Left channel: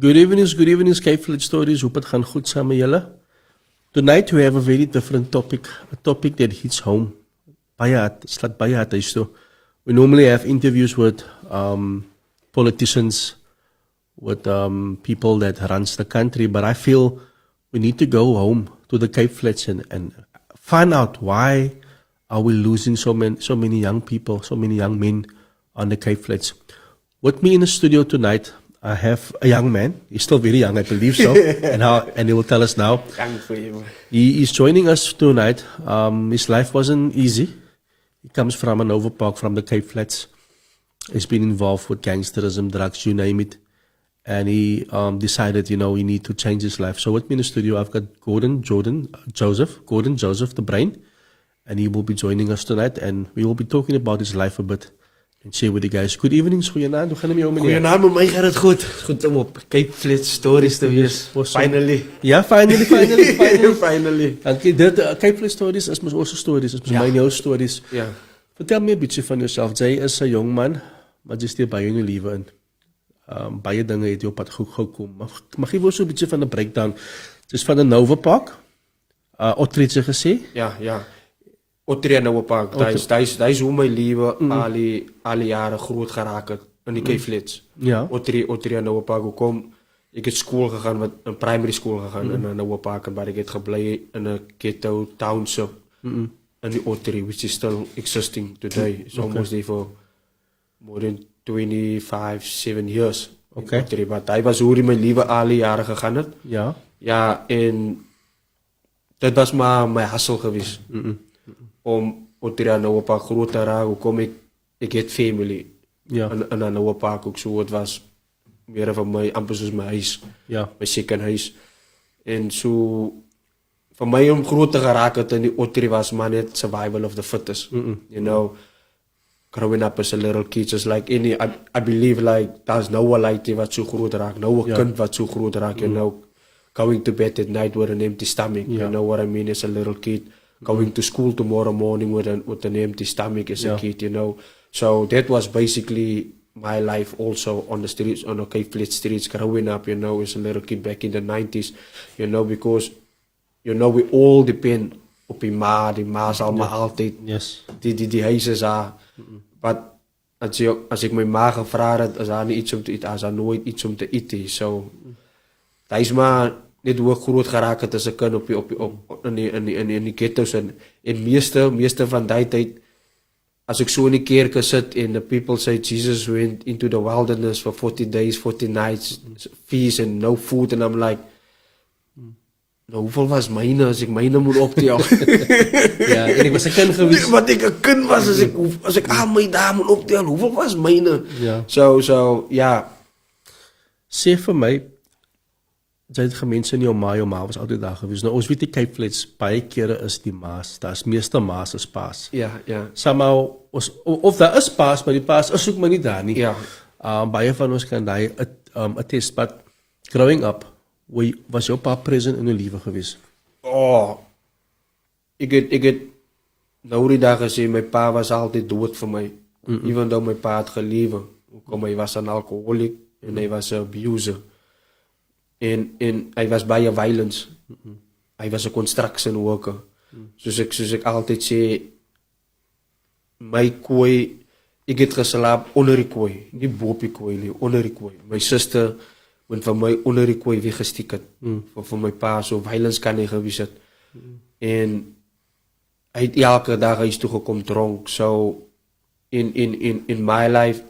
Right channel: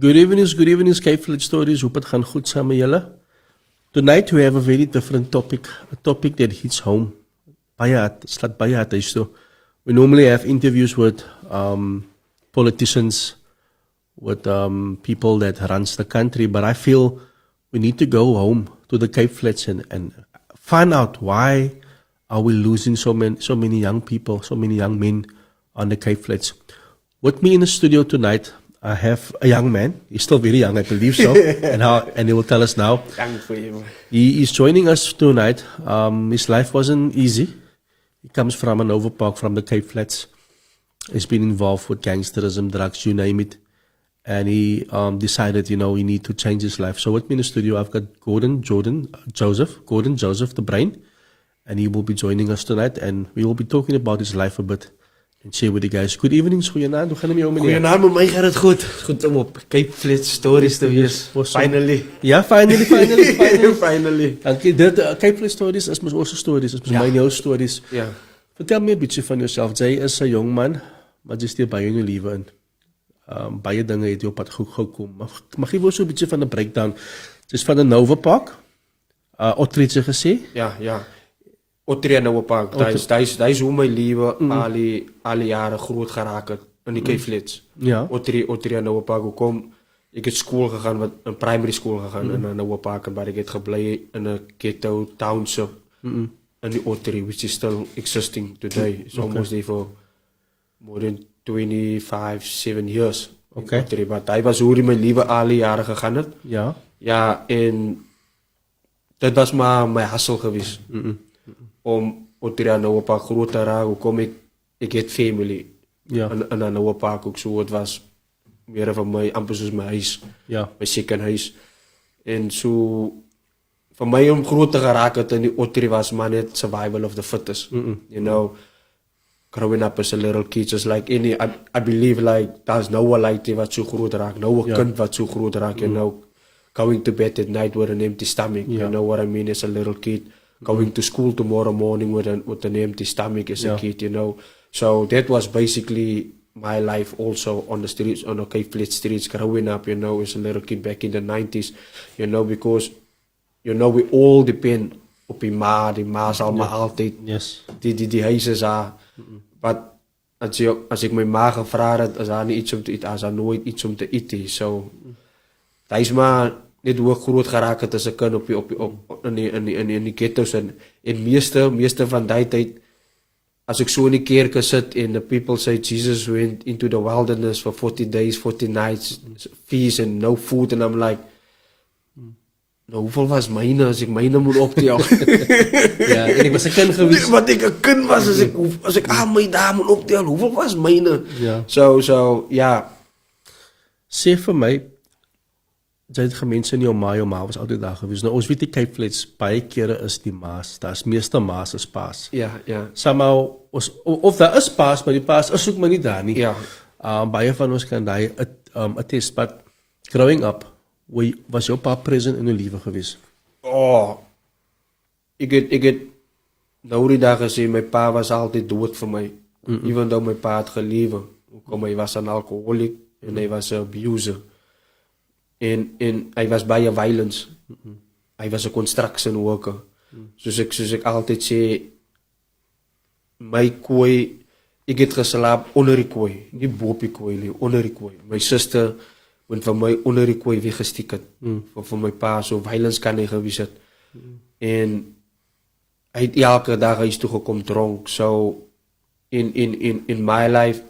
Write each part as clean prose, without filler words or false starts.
Good evening, Skyflit Stories. Hoop het gaan goed samen met jullie. Tonight we have a very different topic, a topic that hits home. Slaat baie hard huis toe. We normally have interviews with politicians, with people that runs the country, but I feel we need to go home to the Cape Flats and find out why are we losing so many young people, so many young men on the Cape Flats. With me in the studio tonight, I have a young man. He's still very young, I believe so, and he will tell us now. Thank for you. He is joining us tonight. His life wasn't easy. He comes from an overpark from the Cape Flats. He's been involved with gangsterism, drugs, you name it. And he decided, he need to change his life. So with me in the studio, I've got Gordon Joseph, the brain. And he will be joining us tonight. And we will be talking about his life a bit. And share with you guys. Good evening, goeienaand. Hoe gaan het met jou, meneer? Goeienaand, met mij gaat het goed. Goed om op Cape Flats Stories te wees. Finally. Ja, finally. Finally. Dankie. Cape Flats Stories is onze stories. Is mijn jouw stories. Ja. Vertel me een beetje van jezelf. Jij is een jong man, maar je steekt bij je leven in. Baie dingen het je op pad gekomen. Mag je ons een beetje van de breakdown? Het is van de Nova Park. Otterije gezegd? Ja. Otterije Nova Park. Dat is hoe mijn leven alle jaren groot geraakt in die Cape Flats. Ja. Otterije Nova Park. Hoe kom ik het school gegaan, met een primary school gegaan in Nova Park. En waar ik het gebleven in een ghetto township. In die Otterije, which is still existing today. It's almost there for more than 7 years. Okay. Maar hij was hoe mijn leven alle jaren gegaan het. Ja. Ja, en dat was maar mijn hustle geweest. Om Otterije Nova Park groot te raken. Hoe kom ik het family. Ja. En aan Nova Park ook zo. Het was meer van mij, amper zoals mijn huis. Ja. Mijn ziekenhuis. En zo, voor mij om groot te geraken in die Otterije was maar net survival of the fittest. You know, growing up as a little kid, just like any, I believe like, there's no one like die wat zo groot raakt. No one kind wat zo groot raakt, you know. Going to bed at night with an empty stomach, you know what I mean, as a little kid. Going to school tomorrow morning with an empty stomach as a kid, you know. So that was basically my life also on the streets, on the Cape Flats streets, growing up, you know, as a little kid back in the 90s, you know, because, you know, we all depend op die ma zal maar altijd, die huizen zijn. Maar als ik mijn ma gevraagd had, is daar niet iets om te eten, is daar nooit iets om te eten. So, dat is maar niet hoe ik groot geraakt het als ik kan in die ghetto's. En meeste van die tijd, als ik zo in die kerk zit en the people say Jesus went into the wilderness for 40 days, 40 nights, feast and no food. And I'm like, nou, hoeveel was mijne als ik mijne moet optellen? Ja, en ik was een kind geweest. Wat ik een kind was als ik aan mijn daar moet optellen, hoeveel was mijne? Ja. So, ja. Sê vir my, jy het gemense in jou ma was altyd daar gewees. Nou, ons weet die Cape Flats, baie kere is die maas, daar is meeste maas as paas. Ja. Somehow, of daar is paas, maar die paas is ook maar nie daar nie. Ja. Baie van ons kan die attest, but growing up, was jou pa present in jou leven geweest? Oh, ik het nou die dag gezien, mijn pa was altijd dood voor mij. Even though mijn pa had geleven. Hij was een alcoholic en hij was een abuser. En hij was bij violence. Hij was een construction worker. Dus ik altijd zei, mijn kooi, ik heb geslapen onder die kooi. Niet boven die kooi, onder die kooi. Mijn zuster, want van mij onder die kooi weggestikt het. Van mijn pa, zo violence kan hij geweest het. En hij heeft elke dag is toegekomen dronk. So, in my life,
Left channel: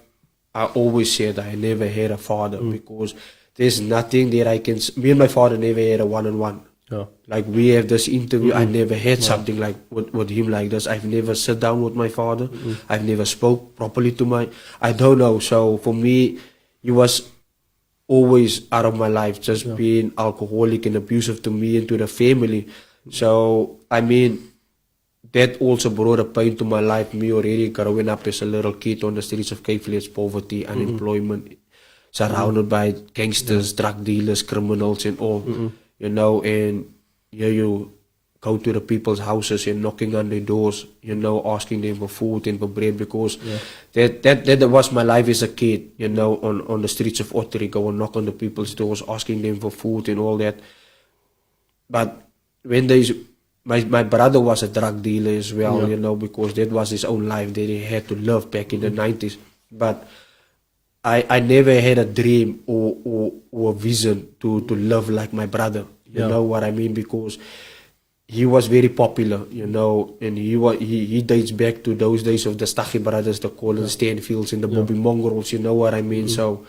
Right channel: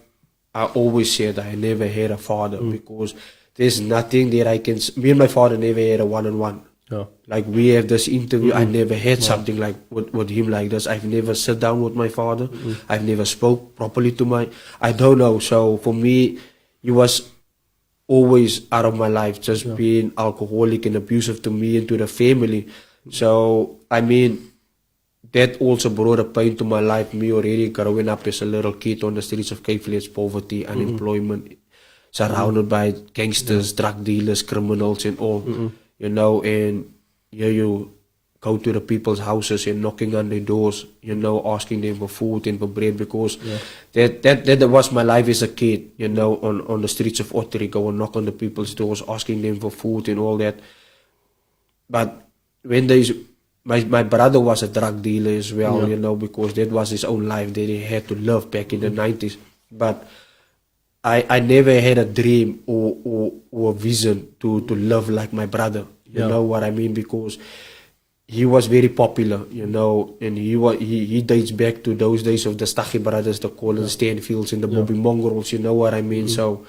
I always said I never had a father because there's nothing that I can. Me and my father never had a one-on-one. Yeah. Like we have this interview, I never had something like with him like this. I've never sat down with my father. I've never spoke properly to I don't know. So for me, he was always out of my life, just being alcoholic and abusive to me and to the family. So I mean, that also brought a pain to my life, me already growing up as a little kid on the streets of Cape Flats, poverty, unemployment, surrounded by gangsters, drug dealers, criminals and all, you know, and you go to the people's houses and knocking on their doors, you know, asking them for food and for bread, because that was my life as a kid, you know, on the streets of Ottery, go and knock on the people's doors, asking them for food and all that. But when my brother was a drug dealer as well, you know, because that was his own life that he had to live back in the 90s. But I never had a dream or a vision to live like my brother. You know what I mean? Because he was very popular, you know, and he dates back to those days of the Stachy brothers, the Colin Stanfields and the Bobby Mongrels, you know what I mean? So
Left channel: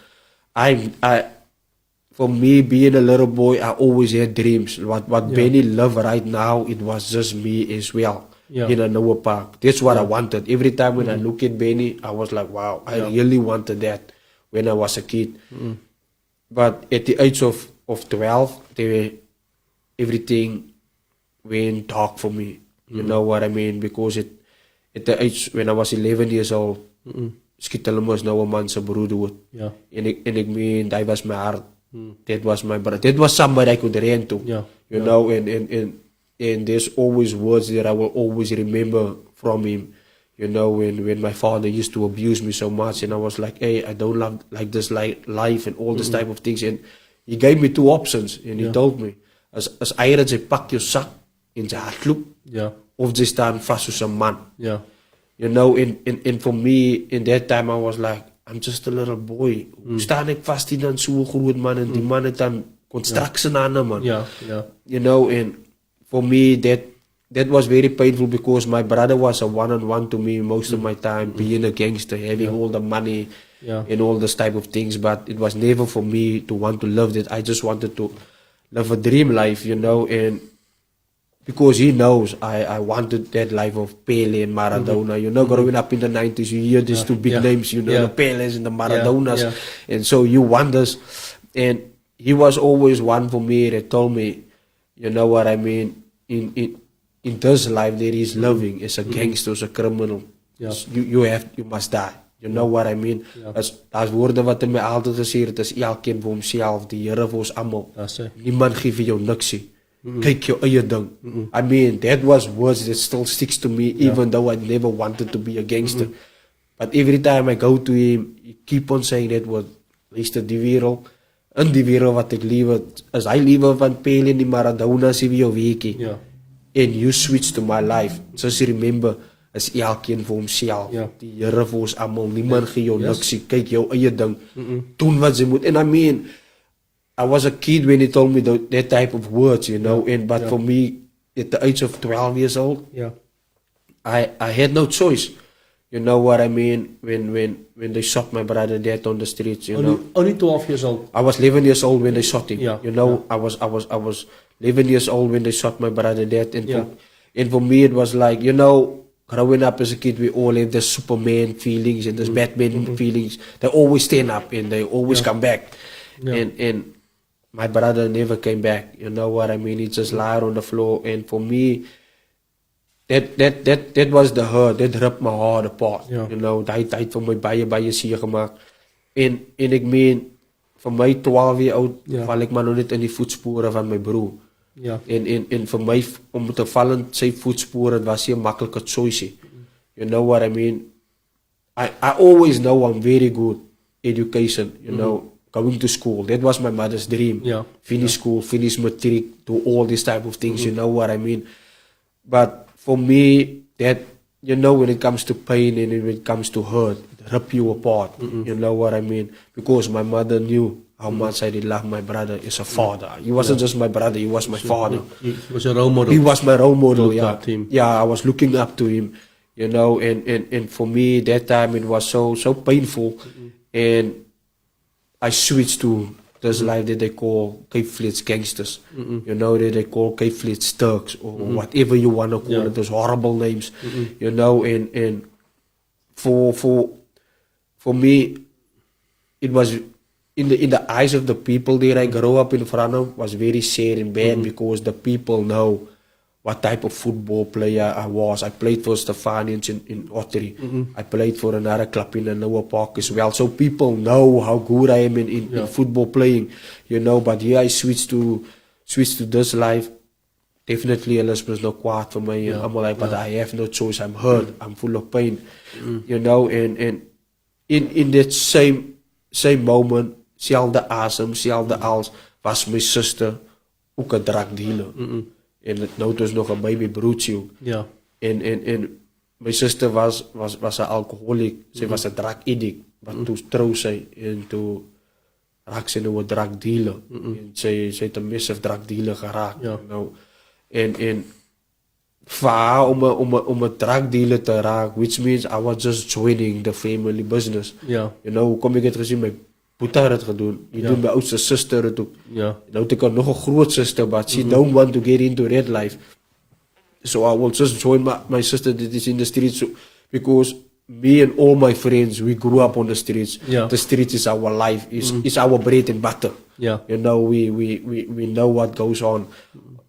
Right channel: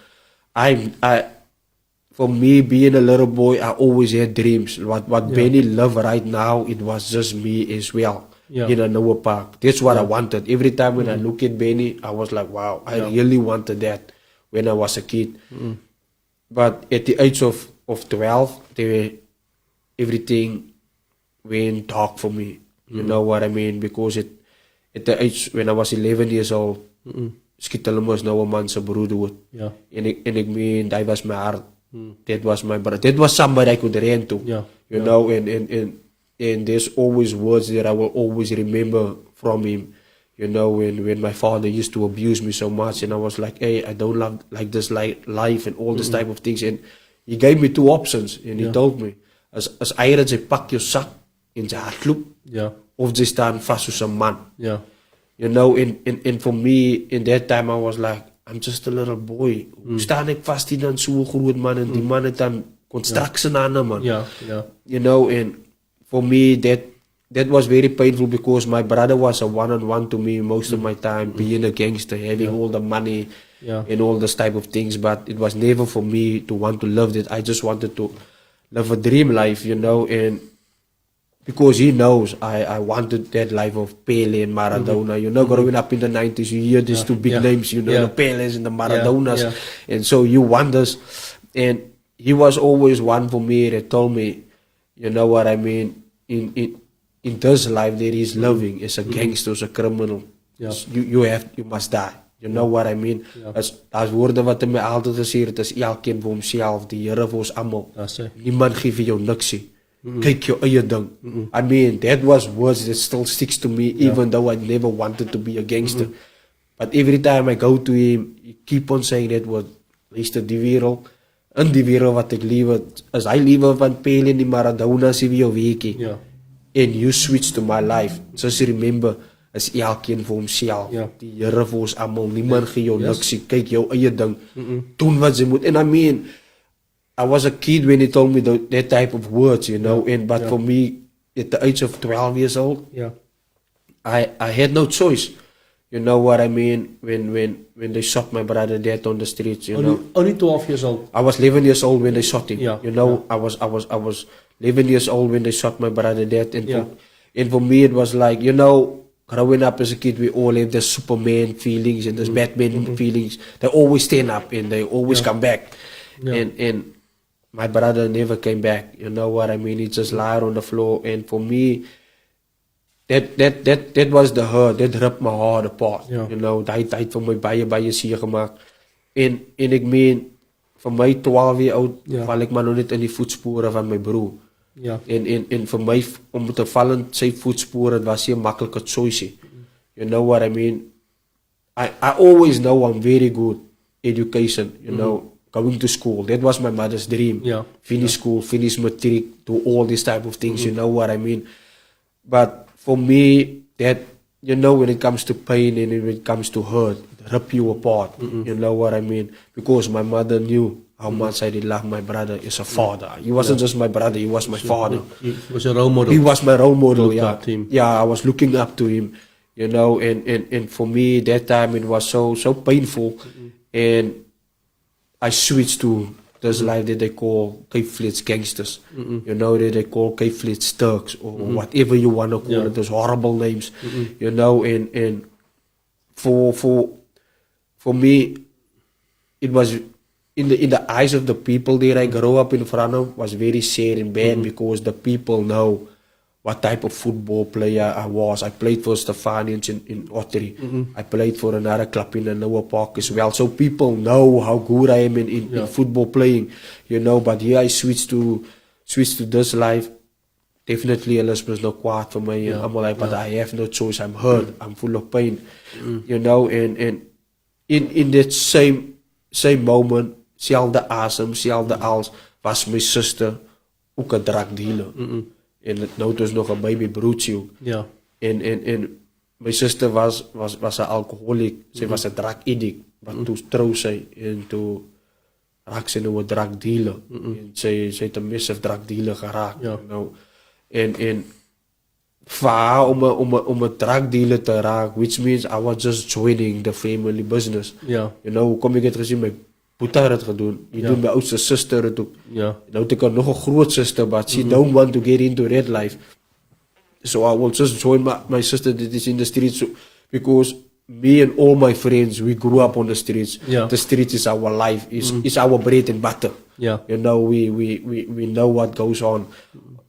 for me, being a little boy, I always had dreams. What Benny love right now, it was just me as well in a Noah Park. That's what I wanted. Every time when I look at Benny, I was like, wow, I really wanted that when I was a kid. But at the age of 12, everything went dark for me. You know what I mean? Because at the age when I was 11 years old, skiet hulle mos nou 'n man se broer dood. En ek meen, that was my heart. That was my brother. That was somebody I could run to. You know, and there's always words that I will always remember from him. You know, when my father used to abuse me so much, and I was like, hey, I don't like this life and all this type of things. And he gave me 2 options, and he told me, as eieren, jy pak jou sak en jy hardloop, of jy staan vas soos 'n man. You know, and for me, in that time, I was like, I'm just a little boy. Staan ek vast hier dan so groot man, en die man het dan construction aan hom, man. You know, and for me, that was very painful, because my brother was a one-on-one to me most of my time, being a gangster, having all the money and all this type of things. But it was never for me to want to live that. I just wanted to live a dream life, you know, and because he knows I wanted that life of Pele and Maradona. You know, growing up in the 90s, you hear these 2 big names, you know, the Peles and the Maradonas. And so you want this. And he was always one for me that told me, you know what I mean, in this life that he's living as a gangster, as a criminal, you must die. You know what I mean? As woorde wat hy my altyd gesê het, is elkeen vir homself, die Here vir ons almal. Niemand gee vir jou niks nie. Kyk jou eie ding. I mean, that was words that still sticks to me, even though I never wanted to be a gangster. But every time I go to him, he keep on saying that word, luister, die wereld, in die wereld wat ek liewe, as hy liewe van Pele en die Maradona sê wie jou weekie. And you switch to my life. Just remember, is elkeen vir homself. Die Here vir ons almal. Niemand gee jou niks. Kyk jou eie ding. Doen wat jy moet. And I mean, I was a kid when he told me that type of words, you know. But for me, at the age of 12 years old, I had no choice. You know what I mean? When they shot my brother dead on the streets, you know. Only 12 years old. I was 11 years old when they shot him. You know, I was 11 years old when they shot my brother dead. And for me, it was like, you know, growing up as a kid, we all have this Superman feelings and this Batman feelings. They always stand up and they always come back. And my brother never came back. You know what I mean? He just lied on the floor. And for me, that was the hurt. That ripped my heart apart. You know, die tyd vir my baie seer gemaak. En ek meen, vir my 12 jaar oud, val ek maar nog net in die voetspore van my broer. En vir my, om te val in sy voetspore, het was nie 'n maklike choice. You know what I mean? I always know I'm very good education, you know, going to school. That was my mother's dream. Finish school, finish matric, do all these type of things, you know what I mean? But for me, that, you know, when it comes to pain and when it comes to hurt, rip you apart, you know what I mean? Because my mother knew how much I did love my brother as a father. He wasn't just my brother, he was my father. He was a role model. He was my role model, Him. I was looking up to him, you know, and for me, that time, it was so painful. And I switched to this life that they call Cape Flats gangsters, you know, that they call Cape Flats thugs, or whatever you want to call it, those horrible names, you know, and for me, it was in the eyes of the people that I grew up in front of, was very sad and bad, because the people know what type of football player I was. I played for Stefanians in Ottery. I played for another club in the Noah Park as well. So people know how good I am in football playing, you know. But here I switched to this life definitely hulle is mos nou kwaad vir my en almal like, but I have no choice. I'm hurt. I'm full of pain. You know, and in that same moment, selfde asem, selfde als, was my sister ook 'n drug dealer. En nou het ons nog 'n baby broertjie. Ja. En my sister was 'n alcoholic. Sy was 'n drug addict. Maar toe trou sy en toe raak sy nou 'n drug dealer. En sy het 'n massive drug dealer geraak. Ja. Nou en vir haar om 'n drug dealer te raak, which means I was just joining the family business. Ja. You know, kom ek het gesien my Boeta het gedoen. Jy doen my oudste suster het ook. Ja. Nou het ek nog 'n groot suster, but she don't want to get into that life. So I will just join my sister that is in the streets because me and all my friends, we grew up on the streets. Yeah. The streets is our life. It's our bread and butter. Yeah. You know, we know what goes on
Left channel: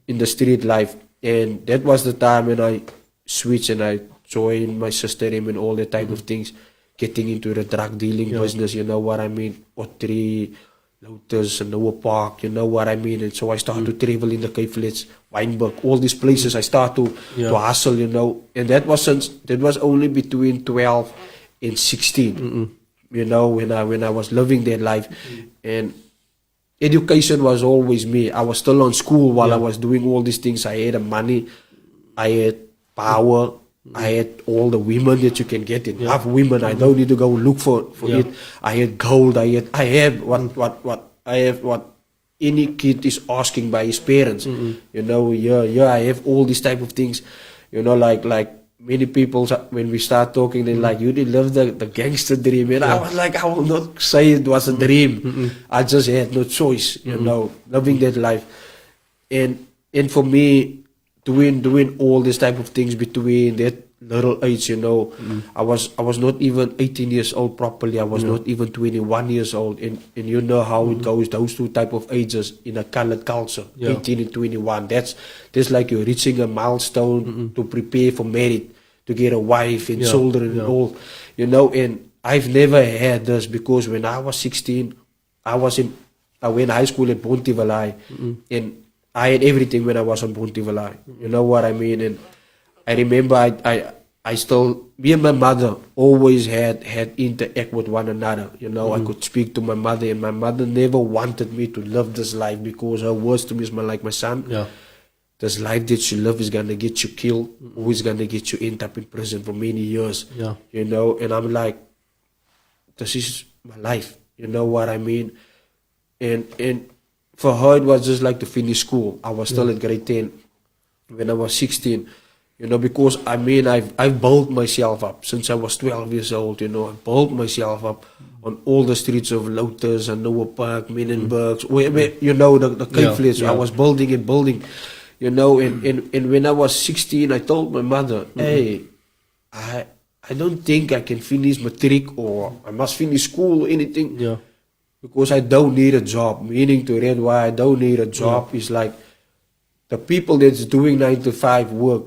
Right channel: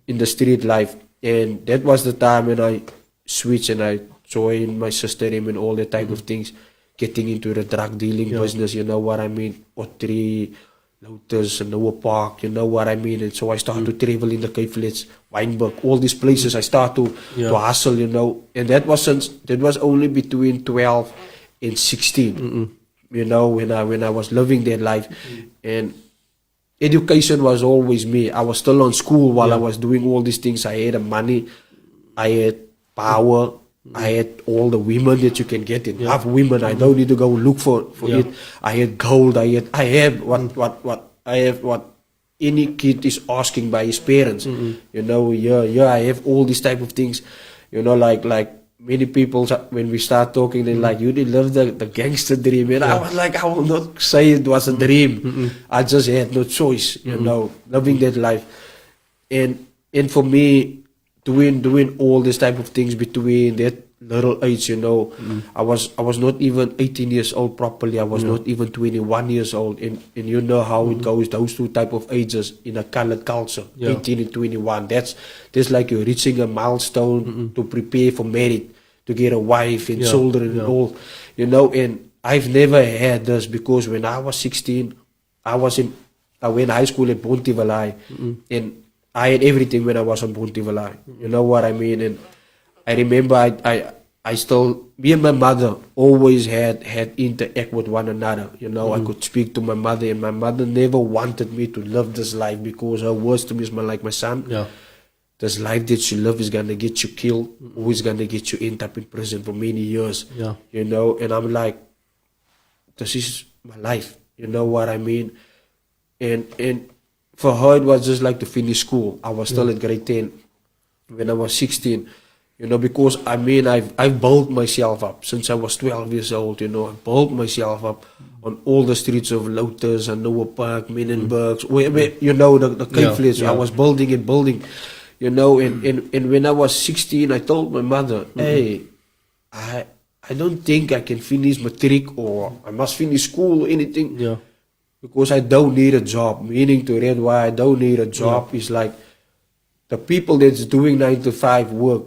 in the street life. And that was the time when I switched and I joined my sister and all that type of things, getting into the drug dealing business, you know what I mean? Otri, Lotus, Noah Park, you know what I mean? And so I started to travel in the Cape Flats, Wynberg, all these places. I started to hustle, you know. And that was only between 12 and 16, you know, when I was living that life. And education was always me. I was still on school while I was doing all these things. I had money, I had power, I had all the women that you can get in. I have women. I don't need to go look for it. I had gold. I have what any kid is asking by his parents. You know, I have all these type of things. You know, like many people when we start talking, they're like, "You did live the gangster dream," and I was like, I will not say it was a dream. I just had no choice. You know, living that life, and for me, doing all these type of things between that little age, you know, I was not even 18 years old properly. I was not even 21 years old, and you know how it goes. Those two type of ages in a colored culture, 18 and 21. That's like you're reaching a milestone to prepare for marriage, to get a wife and children and all, you know. And I've never had this because when I was 16, I went high school at Bonteheuwel, and I had everything when I was in Bonteheuwel. You know what I mean? And I remember I still, me and my mother always had interact with one another. You know, I could speak to my mother, and my mother never wanted me to live this life because her words to me is like, my son, this life that you live is gonna get you killed, or is gonna get you end up in prison for many years. Yeah. You know, and I'm like, this is my life. You know what I mean? And for her, it was just like to finish school. I was still at grade 10 when I was 16. You know, because I mean, I've built myself up since I was 12 years old. You know, I built myself up on all the streets of Lotus and Noah Park, Menenbergs, where you know, the Cape Flats. I was building and building, you know, and when I was 16, I told my mother, hey, I don't think I can finish matric or I must finish school or anything. Yeah. Because I don't need a job. Meaning to read why I don't need a job is like the people that's doing 9 to 5 work.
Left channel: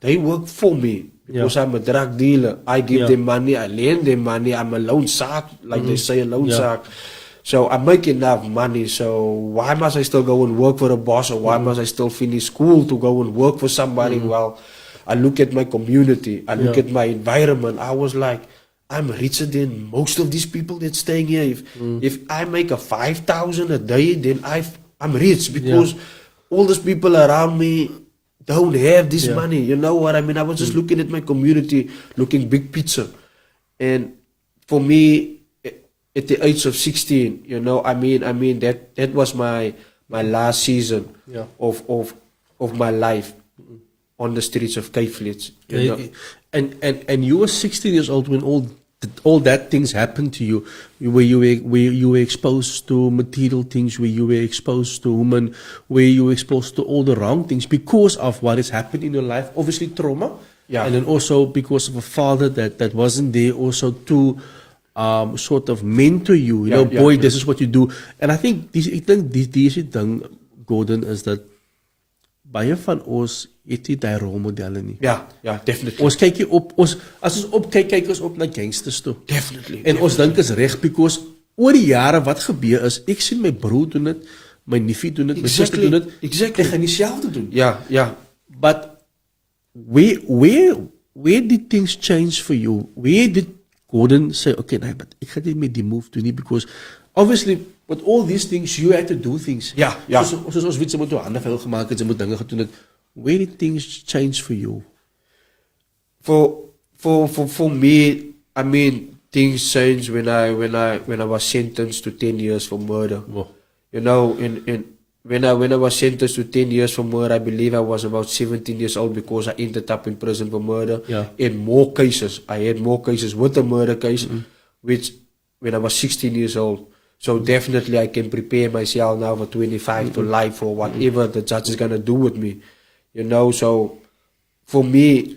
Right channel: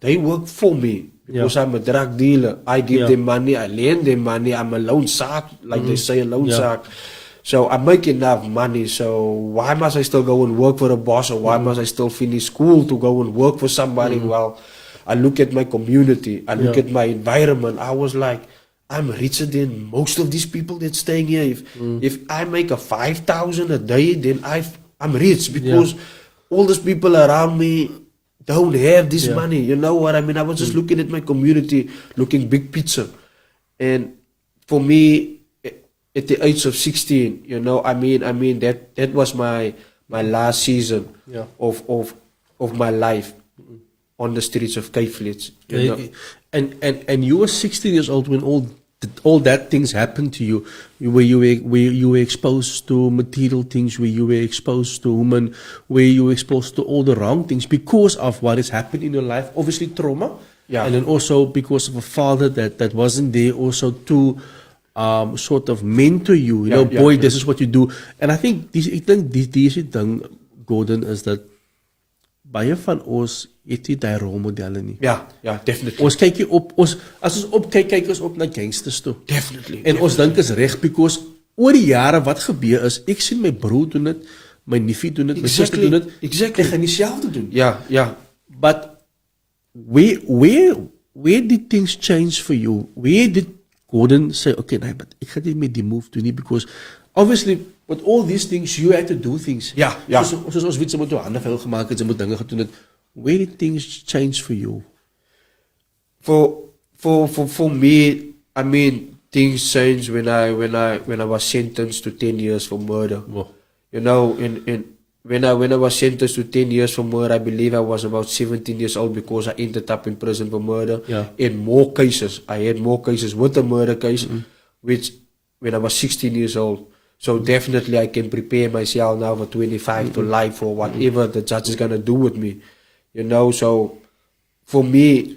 They work for me because I'm a drug dealer. I give them money, I lend them money. I'm a loan shark, like they say, a loan shark. So I make enough money. So why must I still go and work for a boss, or why must I still finish school to go and work for somebody? Well, I look at my community, I look at my environment. I was like, I'm richer than most of these people that's staying here. If I make a 5,000 a day, then I'm rich because all these people around me don't have this money. You know what I mean? I was just looking at my community, looking big picture. And for me, at the age of 16, you know, I mean that was my last season of my life on the streets of Cape Flats. You know? And you were 16 years old when all that things happened to you, where you were exposed to material things, where you were exposed to women, where you were exposed to all the wrong things because of what has happened in your life. Obviously trauma, and then also because of a father that wasn't there also to sort of mentor you. You know, boy, this is what you do. And I think deze ding, Gordon, is that baie van ons het nie die rolmodelle nie. Ja, definitely. Ons kyk as ons opkyk, kyk ons op na gangsters toe. Definitely. En ons dink is reg because oor die jare wat gebeur is, ek sien my broer doen dit, my neefie doen dit, my suster doen dit. Exactly. Ek gaan dieselfde doen. Yeah. But where did things change for you? Where did Gordon say, okay, nee, but ek gaan nie met die move doen nie, because obviously with all these things you had to do things. Ja. Soos ons weet, sy moet jou hande vuil gemaak het, sy moet dinge gedoen het. Where did things change for you? For me, I mean, things changed when I was sentenced to 10 years for murder. Wow. You know, when I was sentenced to 10 years for murder, I believe I was about 17 years old because I ended up in prison for murder. Yeah. In more cases, I had more cases with the murder case, which when I was 16 years old. So definitely I can prepare myself now for 25 to life or whatever the judge is gonna do with me. You know, so for me,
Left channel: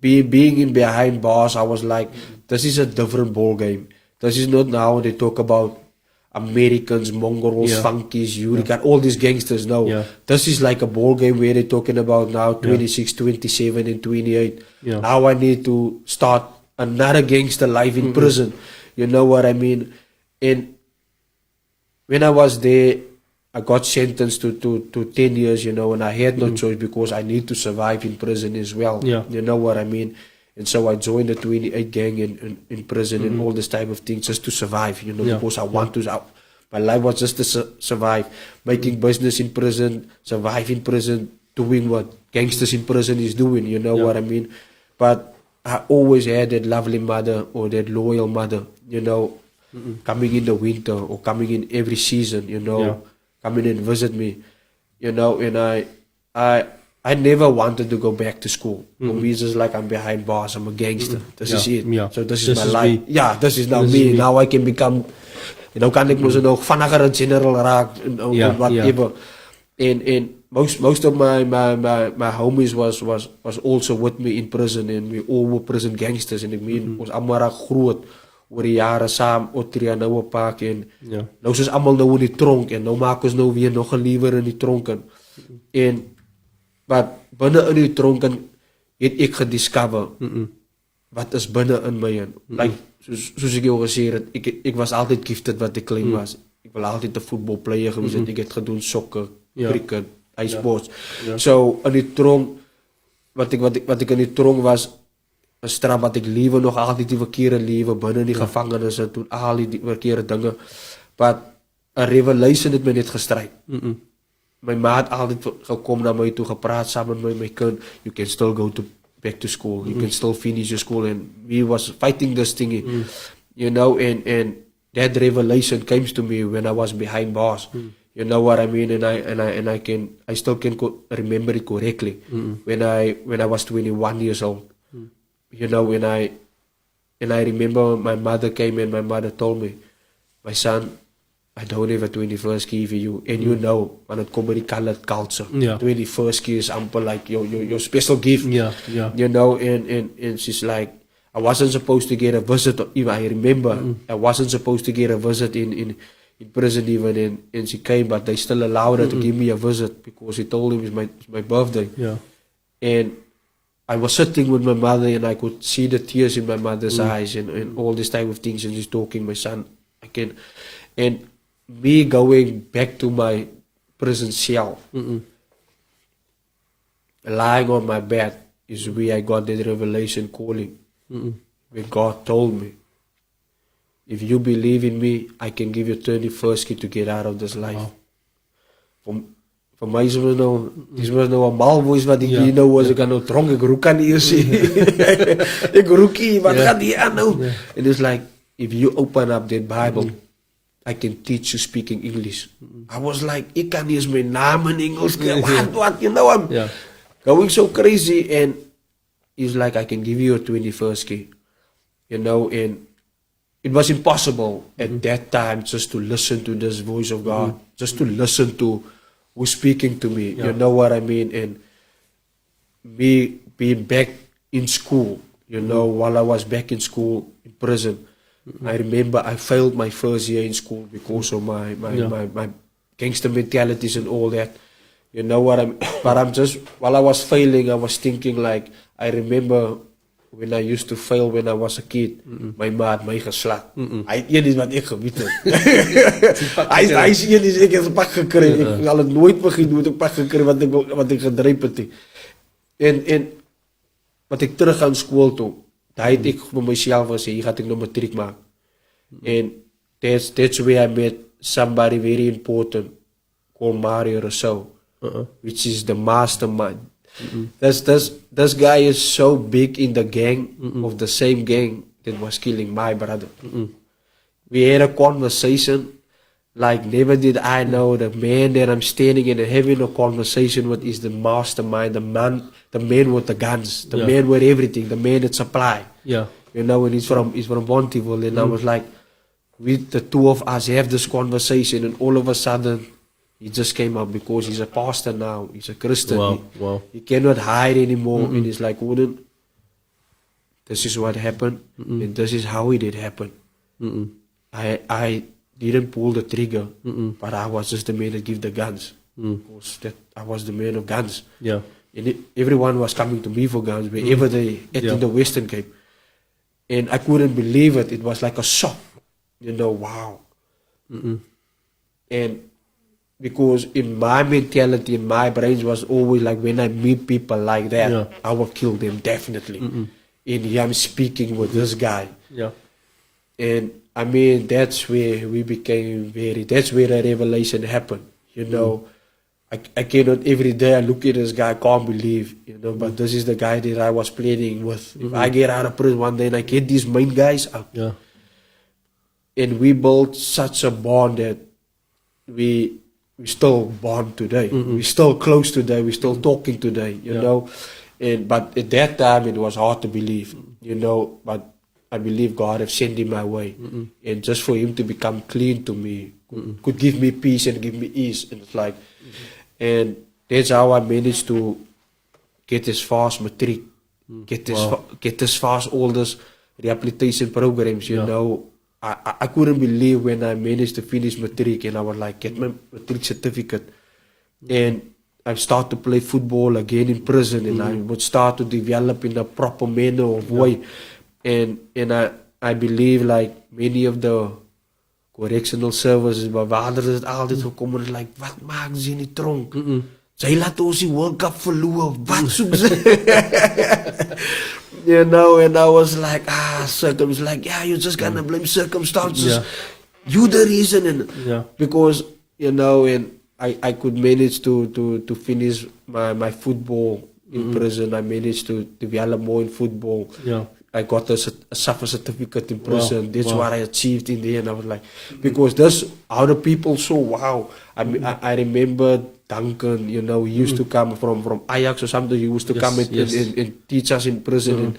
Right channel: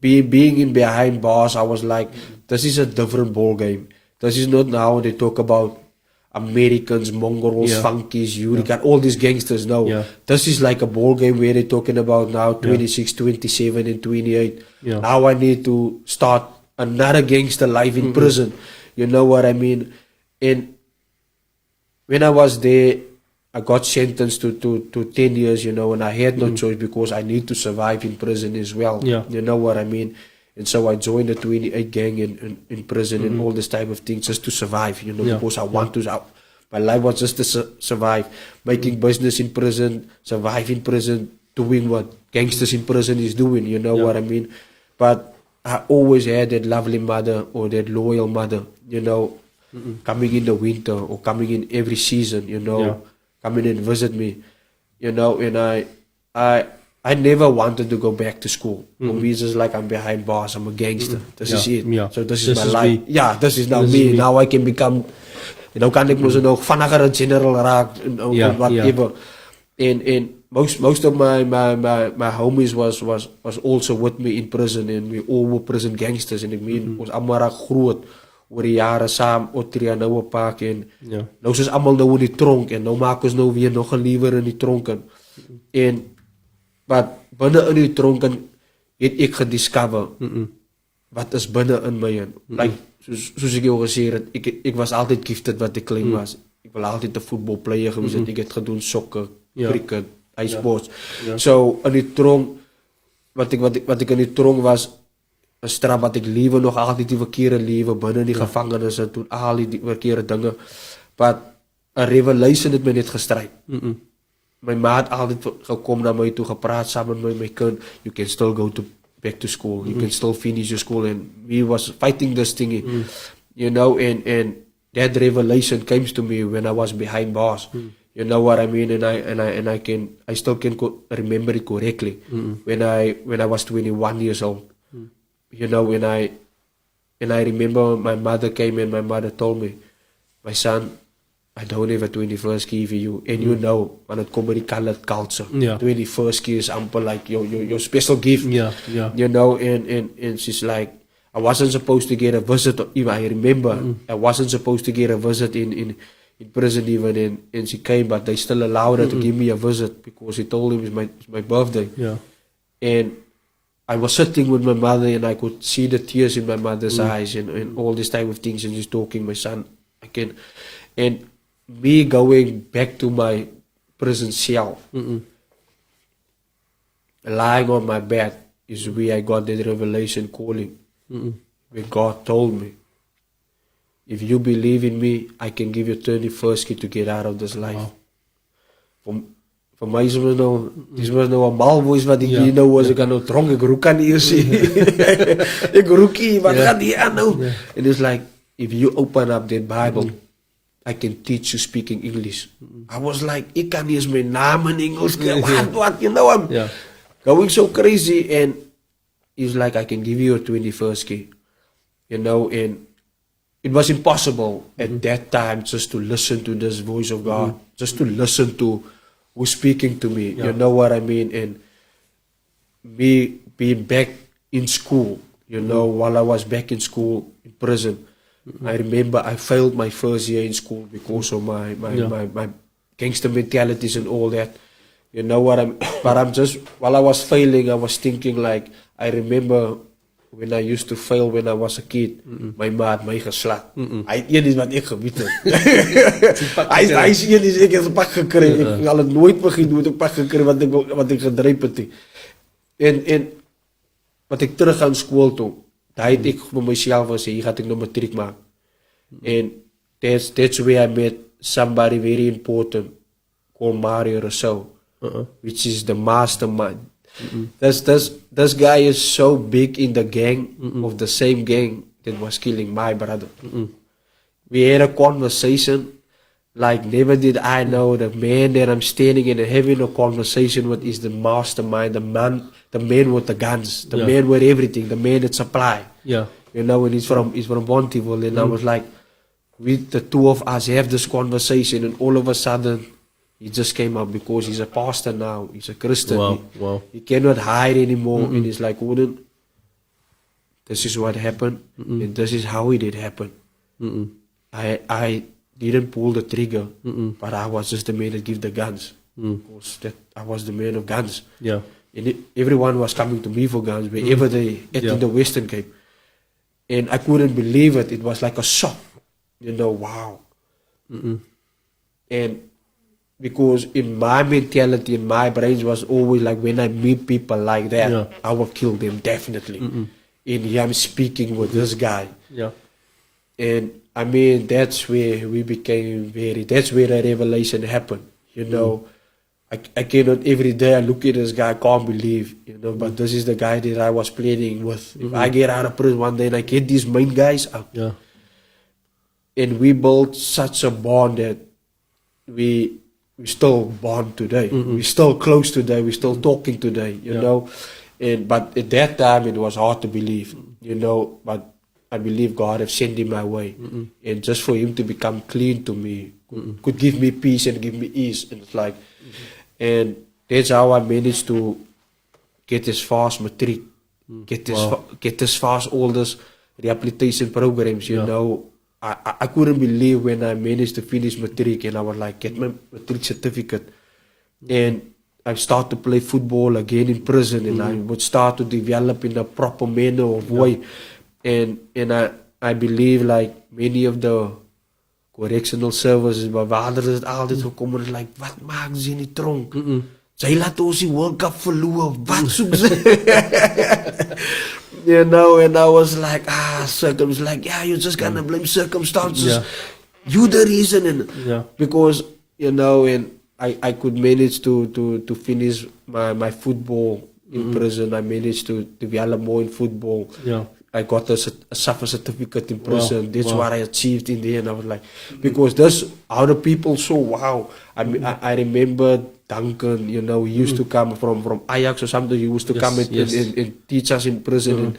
being in behind bars, I was like, this is a different ball game. This is not now they talk about Americans, Mongols, funkies, you got all these gangsters. No, this is like a ball game where they're talking about now 26, 27 and 28. Now I need to start another gangster life in prison. You know what I mean? And when I was there, I got sentenced to 10 years, you know, and I had no choice because I need to survive in prison as well. You know what I mean? And so I joined the 28 gang in prison and all this type of things just to survive, you know, because I want to. My life was just to survive, making business in prison, survive in prison, doing what gangsters in prison is doing, you know what I mean? But I always had that lovely mother or that loyal mother, you know, coming in the winter or coming in every season, you know, coming and visit me, you know, and I never wanted to go back to school. For me, it's just like I'm behind bars, I'm a gangster. This is it. So this is my life. Me. Yeah, this is now me. Now I can become, you know, kan ek mos nog vinniger 'n general raak and whatever. And most of my homies was also with me in prison, and we all were prison gangsters, and ek meen ons almal raak groot oor die jare saam Otria nou op Park en nou soos almal nou in die tronk en nou maak ons nou weer nog 'n liewer in die tronk en but binne in die tronk het ek gediscover wat is binne in my in. Like soos ek jou gesê het, ek was altyd gifted wat ek klein was. Ek wil altyd 'n voetbalplayer gewees het. Ek het gedoen sokker, cricket, sports. So in die tronk wat ek in die tronk was 'n straf wat ek liewe nog altyd die verkeerde liewe binne in die gevangenis en doen al die verkeerde dinge. But 'n revelation het my net gestryd. My ma het altyd gekom na my toe gepraat saam met my kind. You can still go back to school. You can still finish your school, and we was fighting this thing, you know, and that revelation came to me when I was behind bars. You know what I mean? And I still can remember it correctly. When I was 21 years old. You know, and I remember my mother came and my mother told me, my son, I don't have a 21st key for you. And you know, when it comes to the colored culture, 21st key is amper like your special gift. You know, and she's like, I wasn't supposed to get a visit. Even I remember, I wasn't supposed to get a visit in prison even, and she came, but they still allowed her to give me a visit because he told him it's my birthday. And I was sitting with my mother and I could see the tears in my mother's eyes and all this type of things, and she's talking, my son, again. And me going back to my prison cell, lying on my bed is where I got that revelation calling. Where God told me, if you believe in me, I can give you 31st key to get out of this life. Vir my is was nou 'n malvoice wat ek hier nou was, ek kan nou tronk, ek roek aan eers sien. Ek roekie, wat gaan die aan nou? And it's like, if you open up that Bible, I can teach you speaking English. I was like, ek kan nie eens my naam in Engels kry, what, you know, I'm going so crazy, and it's like, I can give you a 21st key, you know, and it was impossible at that time just to listen to this voice of God, just to listen to who's speaking to me, you know what I mean, and me being back in school, you know, while I was back in school, in prison, I remember I failed my first year in school because of my gangster mentalities and all that, you know what but I'm just, while I was failing, I was thinking like, I remember when I used to fail when I was a kid, my ma het my geslaan. Hy het een iets wat ek gebied het. Hy sê een iets, ek het 'n pak gekry. Ek al het nooit begin met 'n pak gekry wat ek gedryf het. En wat ek terug aan skool toe, daai het ek vir myself gesê, hier gaan ek nou matriek maak. And that's where I met somebody very important called Mario Rousseau, which is the mastermind. This guy is so big in the gang of the same gang that was killing my brother. We had a conversation like never did I know the man that I'm standing and having a conversation with is the mastermind, the man with the guns, the man with everything, the man that supply. Yeah. You know, and he's from Bonteville, and I was like, with the two of us have this conversation, and all of a sudden, he just came up because he's a pastor now. He's a Christian. Wow. He cannot hide anymore, and he's like, Gordon, this is what happened, and this is how it did happen. I didn't pull the trigger, but I was just the man that gave the guns. Because I was the man of guns. Yeah. And everyone was coming to me for guns wherever they ate in the Western Cape. And I couldn't believe it. It was like a shock. You know, wow. And because in my mentality, in my brains was always like when I meet people like that, I will kill them definitely. And here I'm speaking with this guy. Yeah. And I mean, that's where we became that's where the revelation happened. You know, I cannot every day I look at this guy, I can't believe, you know, but this is the guy that I was planning with. If I get out of prison one day and I get these main guys up. Yeah. And we built such a bond that we still bond today. We're still close today. We're still talking today, you know. But at that time, it was hard to believe, you know. But I believe God have sent him my way. And just for him to become clean to me, could give me peace and give me ease. And it's like, and that's how I managed to get as far as matric, get as far as all this rehabilitation programs, you know. I couldn't believe when I managed to finish matric and I was like, get my matric certificate. And I started to play football again in prison and I would start to develop in a proper manner of way. And I believe like many of the correctional services, my vader is altijd gekomen en like, wat maken ze in die tronk? Zij laten ons die World Cup verloren, wat zoeken ze? You know, and I was like, circumstances, like, you're just gonna blame circumstances. You the reason, and because, you know, and I could manage to finish my football in prison. I managed to develop more in football. I got a suffer certificate in prison. That's what I achieved in the end. I was like, because that's how the people saw, wow. I remember Duncan, you know, he used to come from Ajax or something. He used to come and teach us in prison.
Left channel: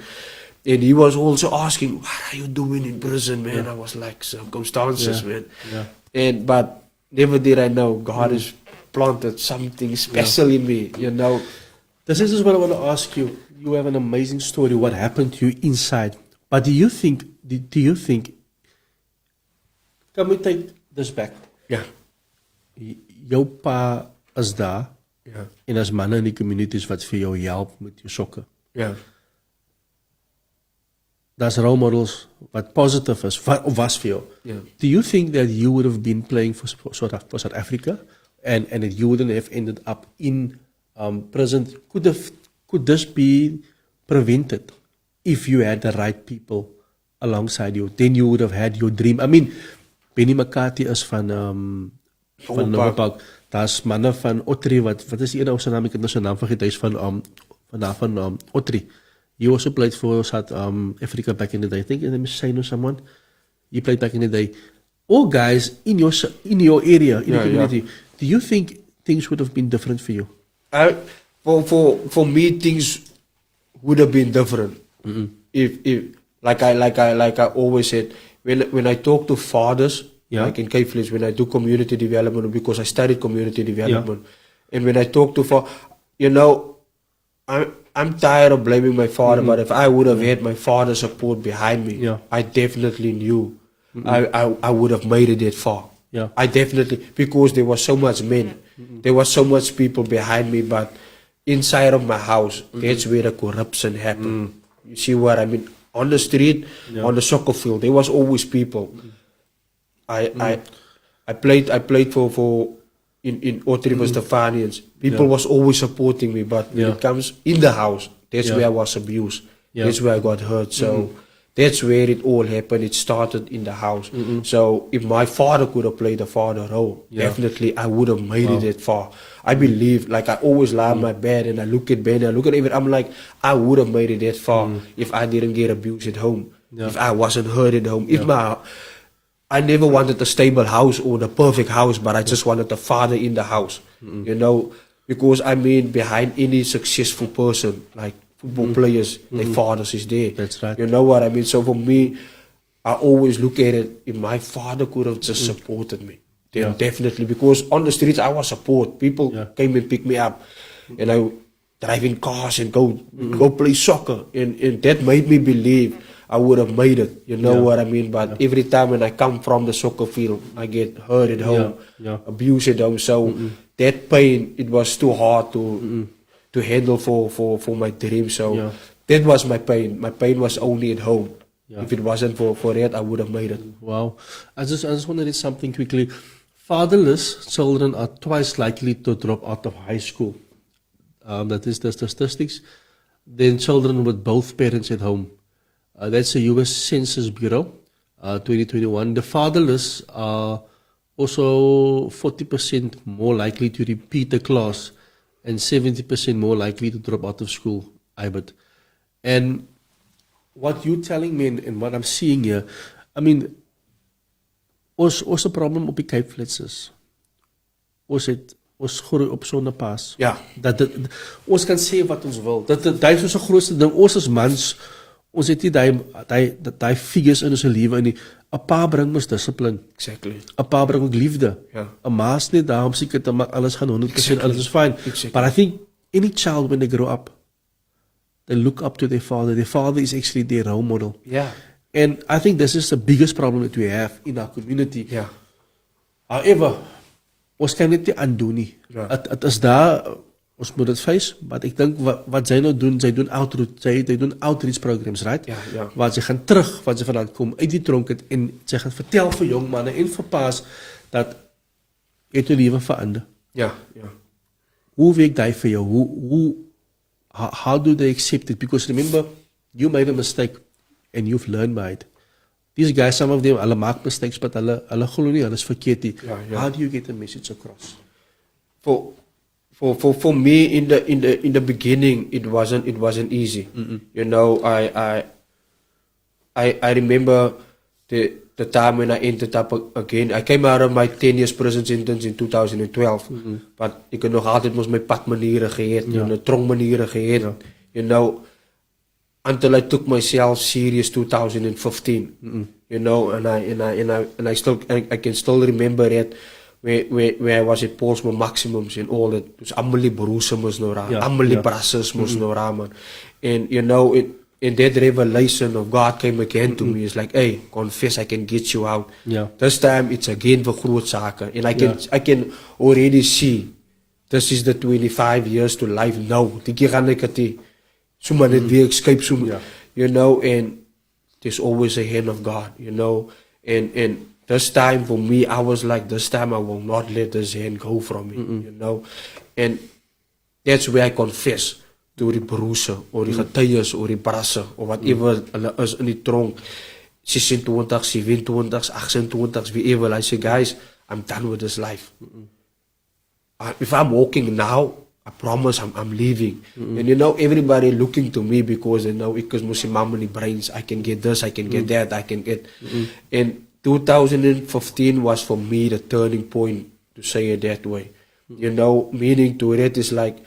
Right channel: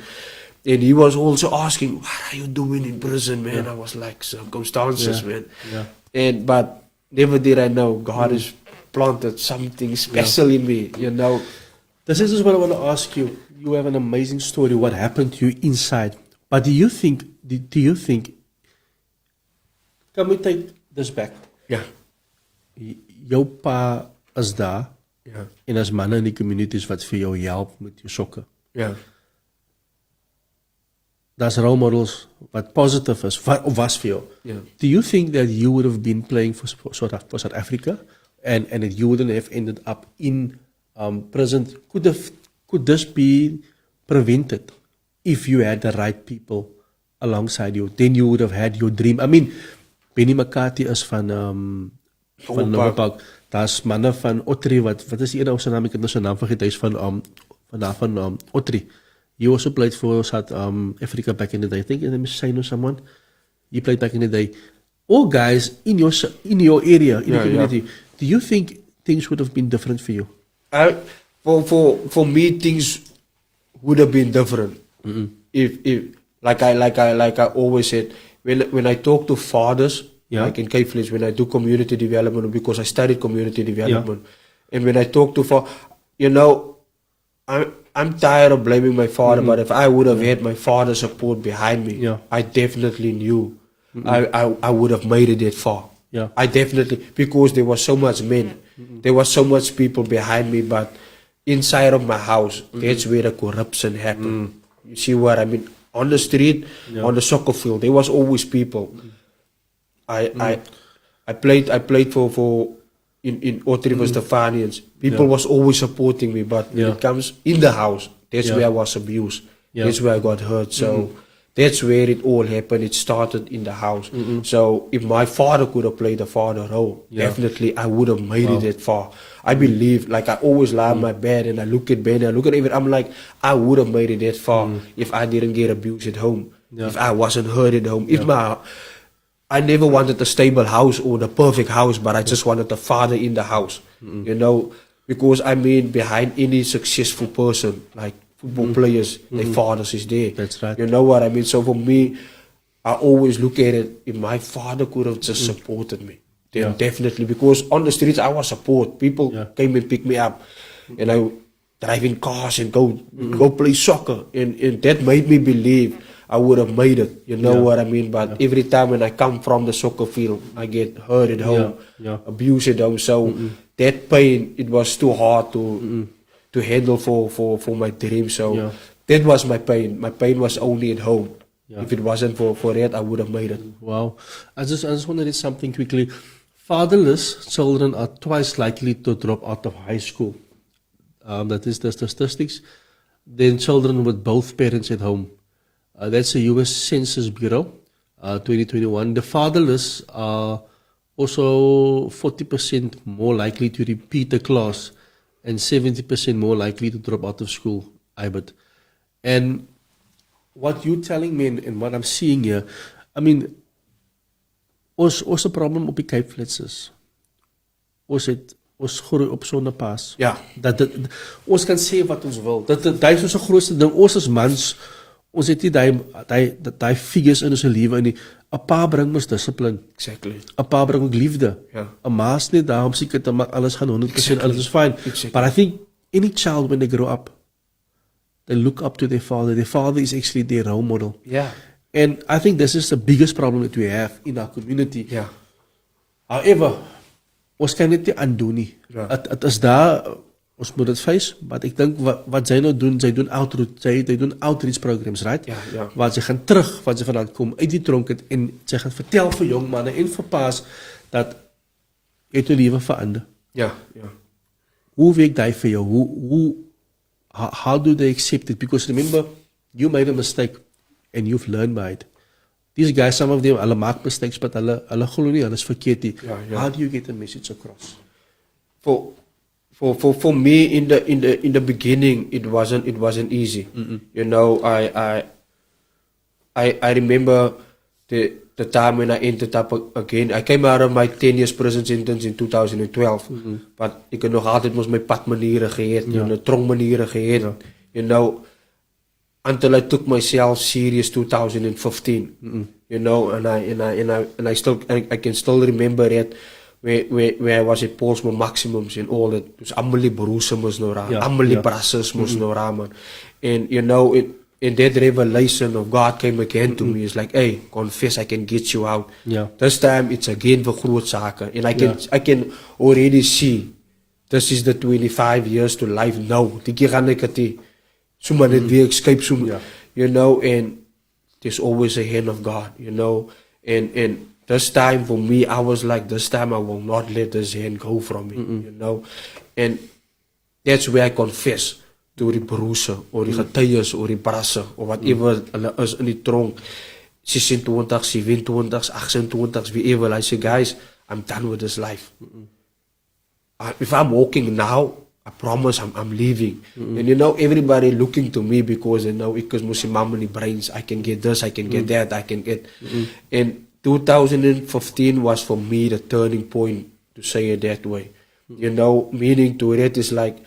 And he was also asking, what are you doing in prison, man? I was like, circumstances, man. But never did I know God has planted something special in me, you know. This is what I want to ask you. You have an amazing story, what happened to you inside. But do you think, can we take this back? Yeah. Jou pa is daar, en as manne in die communities wat vir jou help met jou sokke. Yeah. That's role models wat positive is, of was vir jou. Do you think that you would have been playing for South Africa and that you wouldn't have ended up in prison? Could this be prevented if you had the right people alongside you? Then you would have had your dream. I mean, Benny McCarthy is van Nova Park. Daar's manne van Otri wat is die ene ou se naam, ek het nou sy naam vergeet, hy is van Otri. He also played for South Africa back in the day. I think his name is Shane or someone. He played back in the day. All guys in your area, in the community. Do you think things would have been different for you? For me, things would have been different. If like I always said, when I talk to fathers, like in Cape Flats, when I do community development, because I studied community development, and when I talk to you know, I'm tired of blaming my father, but if I would have had my father's support behind me, I definitely knew I would have made it that far. I definitely, because there was so much men, there was so much people behind me, but inside of my house, that's where the corruption happened. You see what I mean? On the street, on the soccer field, there was always people. I played for in Otterwil Stefanians. People was always supporting me, but when it comes in the house, that's where I was abused. That's where I got hurt. So that's where it all happened. It started in the house. So if my father could have played a father role, definitely I would have made it that far. I believe, like I always lie on my bed and I look at Ben, I look at everything. I'm like, I would have made it that far if I didn't get abused at home. If I wasn't hurt at home. If I never wanted a stable house or the perfect house, but I just wanted a father in the house. You know, because I mean, behind any successful person, like football players, their fathers is there. That's right. You know what I mean? So for me, I always look at it, if my father could have just supported me, then definitely, because on the streets I was support. People came and picked me up, and I drive in cars and go play soccer, and that made me believe I would have made it. You know what I mean? But every time when I come from the soccer field, I get hurt at home, abused at home. So that pain, it was too hard to handle for my dream. So that was my pain. My pain was only at home. If it wasn't for that, I would have made it. Wow. I just want to read something quickly. Fatherless children are twice likely to drop out of high school. That is the statistics. Then children with both parents at home. That's the U.S. Census Bureau, 2021. The fatherless are also 40% more likely to repeat a class and 70% more likely to drop out of school, Ibert. And what you're telling me and what I'm seeing here, I mean, ons 'n probleem op die Cape Flats is. Ons groei op sonder pas. Ja. Dat ons kan sê wat ons wil. Dit is ons grootste ding. Ons as mans, ons het nie daai figures in ons lewe nie. 'n Pa bring ons dissipline. Exactly. 'n Pa bring ook liefde. Ja. 'n Ma is nie daar om seker te maak alles gaan 100%, alles is fine. Exactly. But I think any child when they grow up, they look up to their father. Their father is actually their role model. Yeah. And I think this is the biggest problem that we have in our community. Yeah. However, ons kan dit nie aandoen nie. Ja. Het is daar, ons moet dit face, maar ek dink wat sy nou doen, sy doen outreach programs, right? Ja. Waar sy gaan terug, wat sy vandaan kom, uit die tronk het, en sy gaan vertel vir jong manne en vir paas, dat het jou lewe verander. Ja. Hoe werk die vir jou? How do they accept it? Because remember, you made a mistake and you've learned by it. These guys, some of them, hulle maak mistakes, but hulle glo nie, hulle is verkeerd nie. Ja. How do you get the message across? For me in the beginning, it wasn't easy. You know, I remember the time when I ended up again. I came out of my 10 years prison sentence in 2012, but ek het nog altyd mos my padmaniere gehad, tronkmaniere gehad. You know, until I took myself serious 2015. You know, and I can still remember it. Where I was at Portsmouth Maximums and all that. Dus allemaal die broers moest nou ramen. Allemaal die brassers moest nou ramen. And you know, in that revelation of God came again to me. It's like, hey, confess, I can get you out. This time it's again for groot zaken. And I can already see, this is the 25 years to life now. Die keer gaan ek het sommer net weer escape soom. You know, and there's always a hand of God, you know. And this time for me, I was like, this time I will not let this hand go from me, you know. And that's where I confess to die broers, or die getuies, or die brasse, or whatever hulle is in die tronk, 26, 27, 28, wherever. I say, guys, I'm done with this life. If I'm walking now, I promise I'm leaving. And you know, everybody looking to me because they know, because Musimamani brains, I can get this, I can get that, I can get. And 2015 was for me the turning point, to say it that way. You know, meaning to it is like,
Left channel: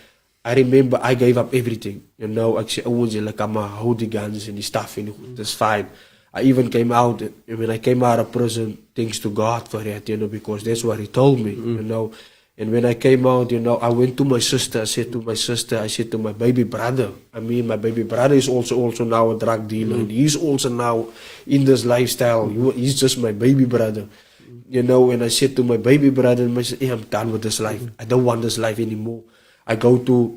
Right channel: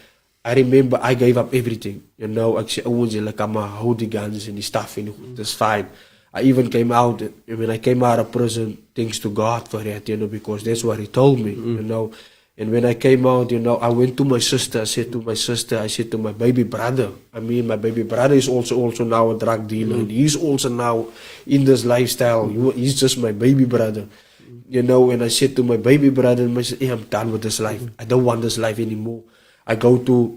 I remember I gave up everything. You know, I said, oh, like I'm gonna hold the guns and the stuff, and that's fine. I even came out, when I came out of prison, thanks to God for that, you know, because that's what He told me, you know. And when I came out, you know, I went to my sister. I said to my baby brother. I mean, my baby brother is also now a drug dealer. And he's also now in this lifestyle. He's just my baby brother. You know, and I said to my baby brother, I said, hey, I'm done with this life. I don't want this life anymore. I go to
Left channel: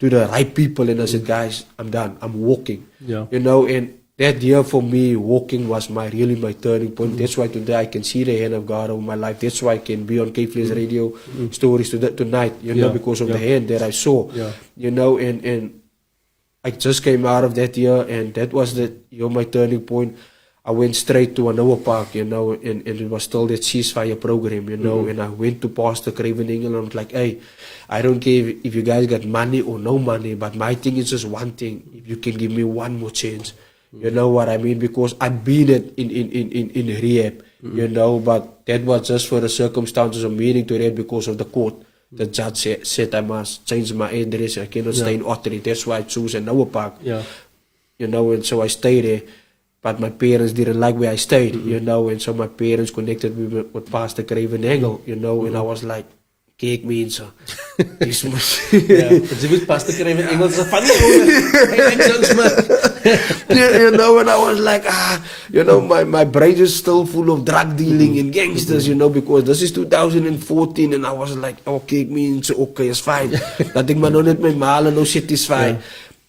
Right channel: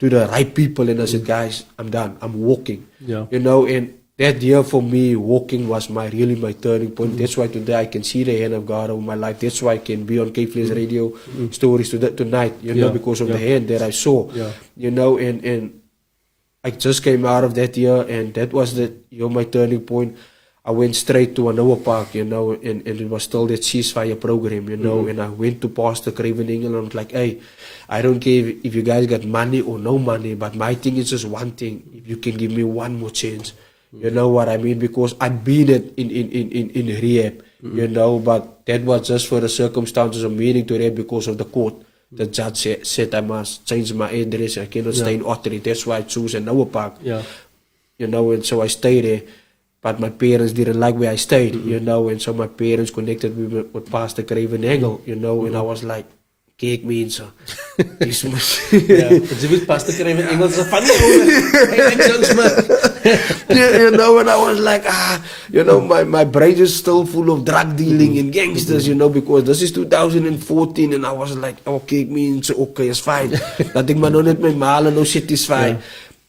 to the right people, and I said, guys, I'm done. I'm walking. Yeah. You know, and that year for me, walking was really my turning point. That's why today I can see the hand of God over my life. That's why I can be on K-Flash Radio stories tonight, you know, because of the hand that I saw. Yeah. You know, and I just came out of that year, and that was my turning point. I went straight to Anoa Park, you know, and it was still that ceasefire program, you know, and I went to Pastor Craven Engel, and I was like, hey, I don't care if you guys got money or no money, but my thing is just one thing. If you can give me one more chance, you know what I mean? Because I've been in rehab, you know, but that was just for the circumstances of meaning to rehab because of the court. The judge said I must change my address. I cannot stay in Ottery. That's why I choose Anoa Park. Yeah. You know, and so I stayed there. But my parents didn't like where I stayed, you know, and so my parents connected me with Pastor Craven Engel, you know, and I was like, kijk mensen. Ja, je moet Pastor Craven Engels een funny Yeah, you know, and I was like, you know, my brain is still full of drug dealing and gangsters, you know, because this is 2014 and I was like, oh, kijk mensen, okay, it's fine. Dat ik maar nog net met malen, no satisfied.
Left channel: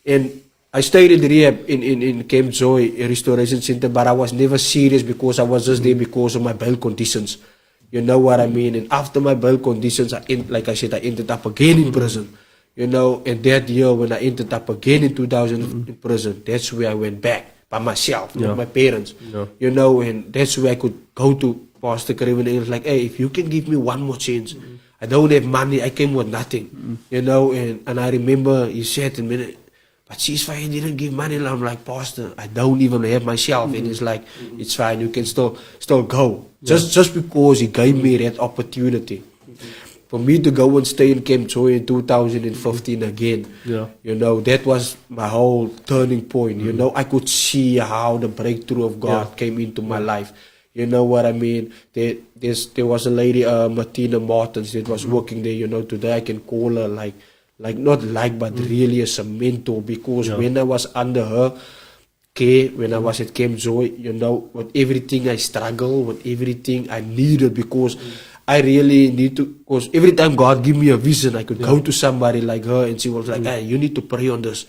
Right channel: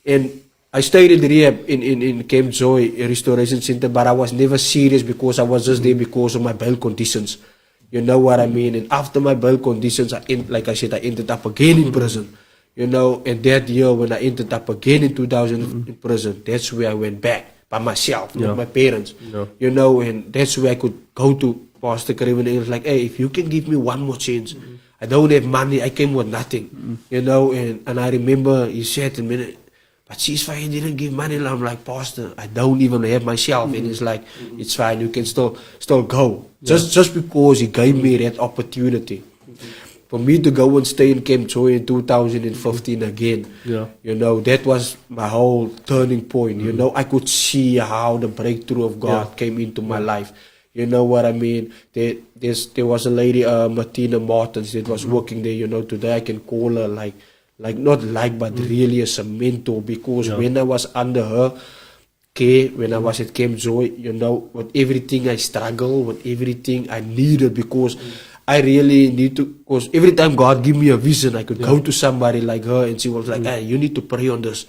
And I stayed in rehab in Camp Joy Restoration Center, but I was never serious because I was just there because of my bail conditions. You know what I mean? And after my bail conditions, like I said, I ended up again in prison. You know, and that year when I ended up again in 2000 in prison, that's where I went back by myself, with my parents. You know, and that's where I could go to Pastor Craven and he was like, hey, if you can give me one more chance, I don't have money, I came with nothing. You know, and I remember he said to me, but ceasefire didn't give money. And I'm like, Pastor, I don't even have myself. And he's like, it's fine, you can still go. Just because he gave me that opportunity. For me to go and stay in Camp Joy in 2015 again, you know, that was my whole turning point. You know, I could see how the breakthrough of God came into my life. You know what I mean? There was a lady, Martina Martins, that was working there. You know, today I can call her but really as a mentor, because when I was under her care, when I was at Camp Joy, you know, with everything I struggled, with everything I needed, because I really need to, because every time God give me a vision, I could go to somebody like her and she was like, hey, you need to pray on this.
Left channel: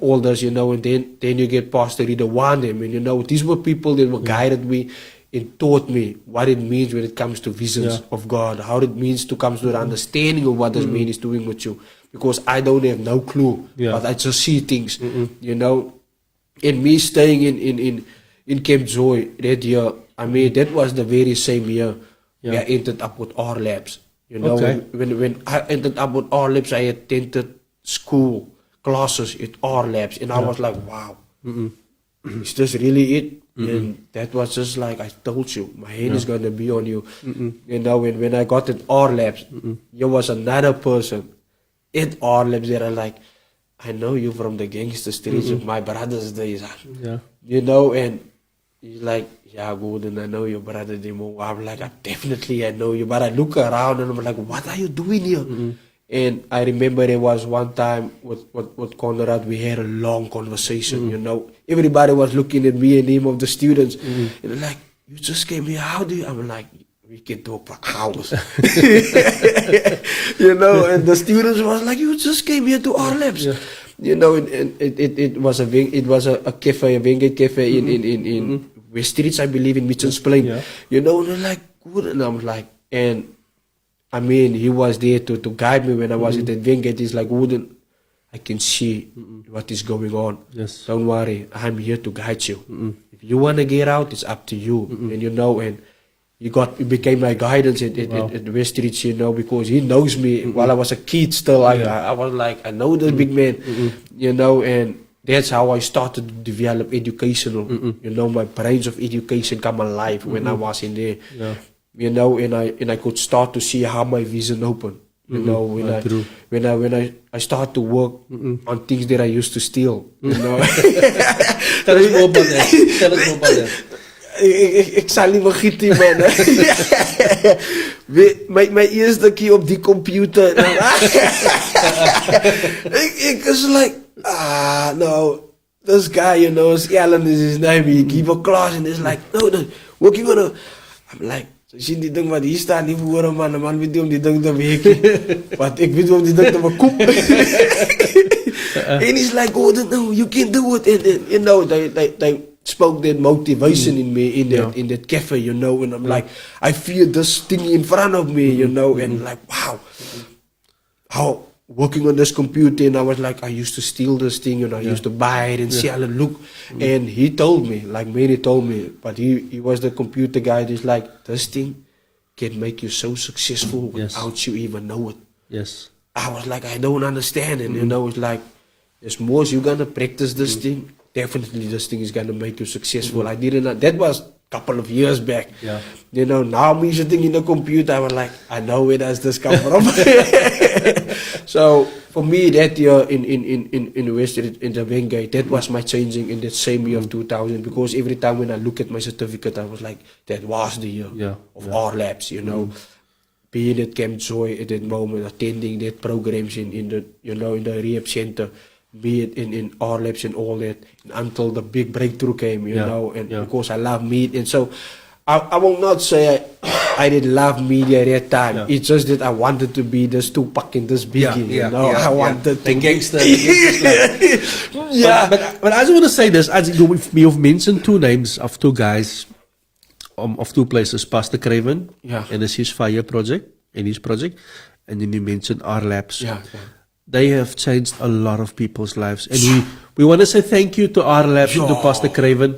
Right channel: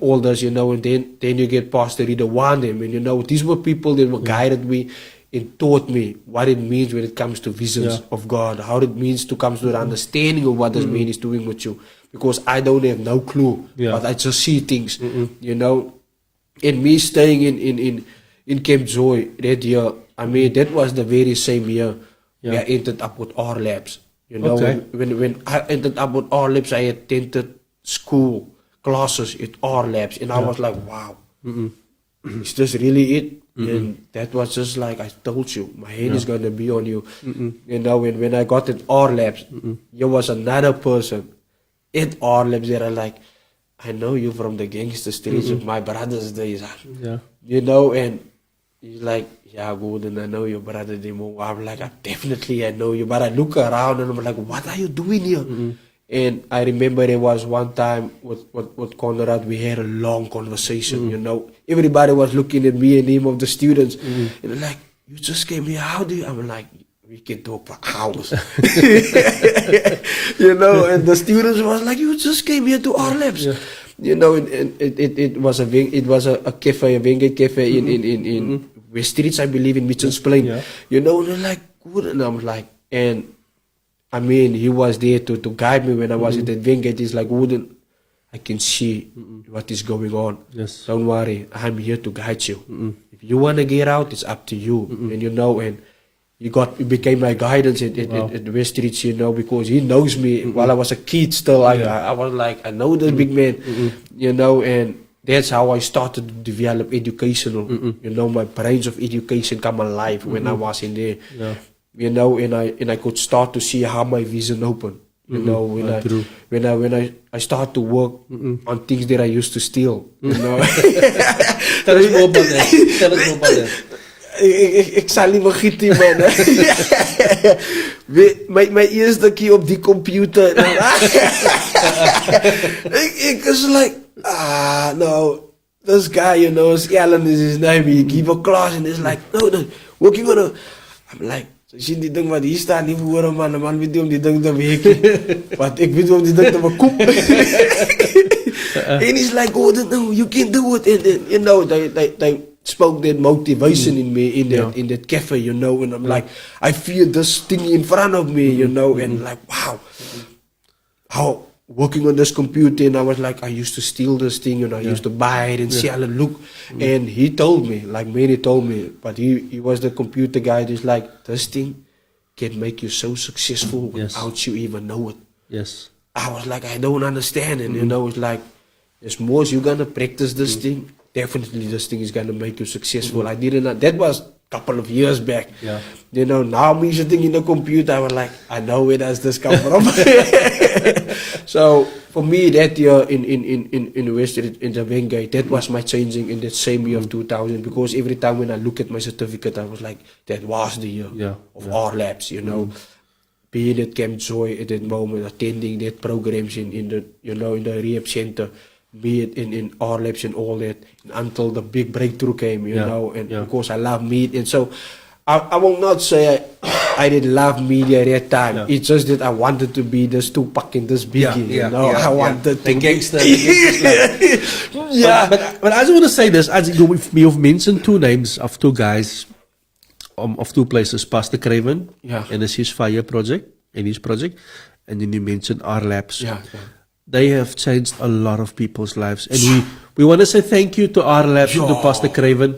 All this, you know, and then you get Pastor Rita Wandem, and you know, these were people that were guided me and taught me what it means when it comes to visions of God, how it means to come to the understanding of what this man is doing with you. Because I don't have no clue, but I just see things, you know. And me staying in Camp Joy that year, I mean, that was the very same year where I ended up with R Labs. You know, when I ended up with R Labs, I attended school classes at R Labs, and I was like, wow, is this really it? And that was just like, I told you, my hand is going to be on you. You know, and when I got at R Labs, there was another person at R Labs that are like, I know you from the gangster streets of my brother's days. You know, and he's like, yeah, Golden, I know your brother Demo. I'm like, I know you. But I look around and I'm like, what are you doing here? And I remember there was one time with Conrad, we had a long conversation, you know. Everybody was looking at me and him of the students. And they're like, you just came here, how do you? I'm like, we can talk for hours. You know, and the students was like, you just came here to our labs. You know, and it was a cafe, a Wenge cafe in West Streets, I believe, in Mitchell's Plain. You know, and they're like, good. And I was like, and I mean, he was there to guide me when I was at that Wenge. He's like, Wooden, I can see what is going on. Don't worry, I'm here to guide you. If you want to get out, it's up to you. And you know, and he became my guidance at West Streets, you know, because he knows me. While I was a kid still, I was like, I know the big man, you know, and that's how I started to develop educational, you know, my brains of education come alive when I was in there, you know, and I could start to see how my vision opened, you know, when I start to work on things that I used to steal, you know. Tell us more about that. Ik zal niet vergeten, man. Mijn eerste keer op die computer. Ik was like, no, this guy, you know, Scallon is his name. He give a class and it's like, no, what you gonna? I'm like, So, ik zie die ding, maar hier staat niet voor man. De man weet niet om die ding te weken. Want ik weet om die ding te verkopen. And he's like, oh, no, you can't do it. And you know, they spoke that motivation in me in that cafe, you know. And I'm like, I feel this thing in front of me, you know. And like, wow. How working on this computer, and I was like, I used to steal this thing, you know, I used to buy it and sell it, look. And he told me, like many told me, but he was the computer guy. He's like, this thing can make you so successful without you even know it. Yes. I was like, I don't understand it, you know. It's like, as more as you're gonna practice this thing, definitely this thing is gonna make you successful. I didn't know, that was couple of years back. Yeah. You know, now me sitting in the computer, I was like, I know where does this come from. So for me, that year in Western in the Wingate, that was my changing in that same year of 2000. Because every time when I look at my certificate, I was like, that was the year of our labs. You know, being at Camp Joy at that moment, attending that programs in the in the rehab center. Be it in our labs and all that, and until the big breakthrough came, you know, and because I love meat, and so I will not say I didn't love media at that time. It's just that I wanted to be this Tupac and this Biggie, you know. I wanted the to gangster. But I just want to say this: as you've mentioned two names of two guys, of two places, Pastor Craven, and the Ceasefire Project, and his project, and then you mentioned our labs. They have changed a lot of people's lives, and we want to say thank you to our labs and to Pastor Craven.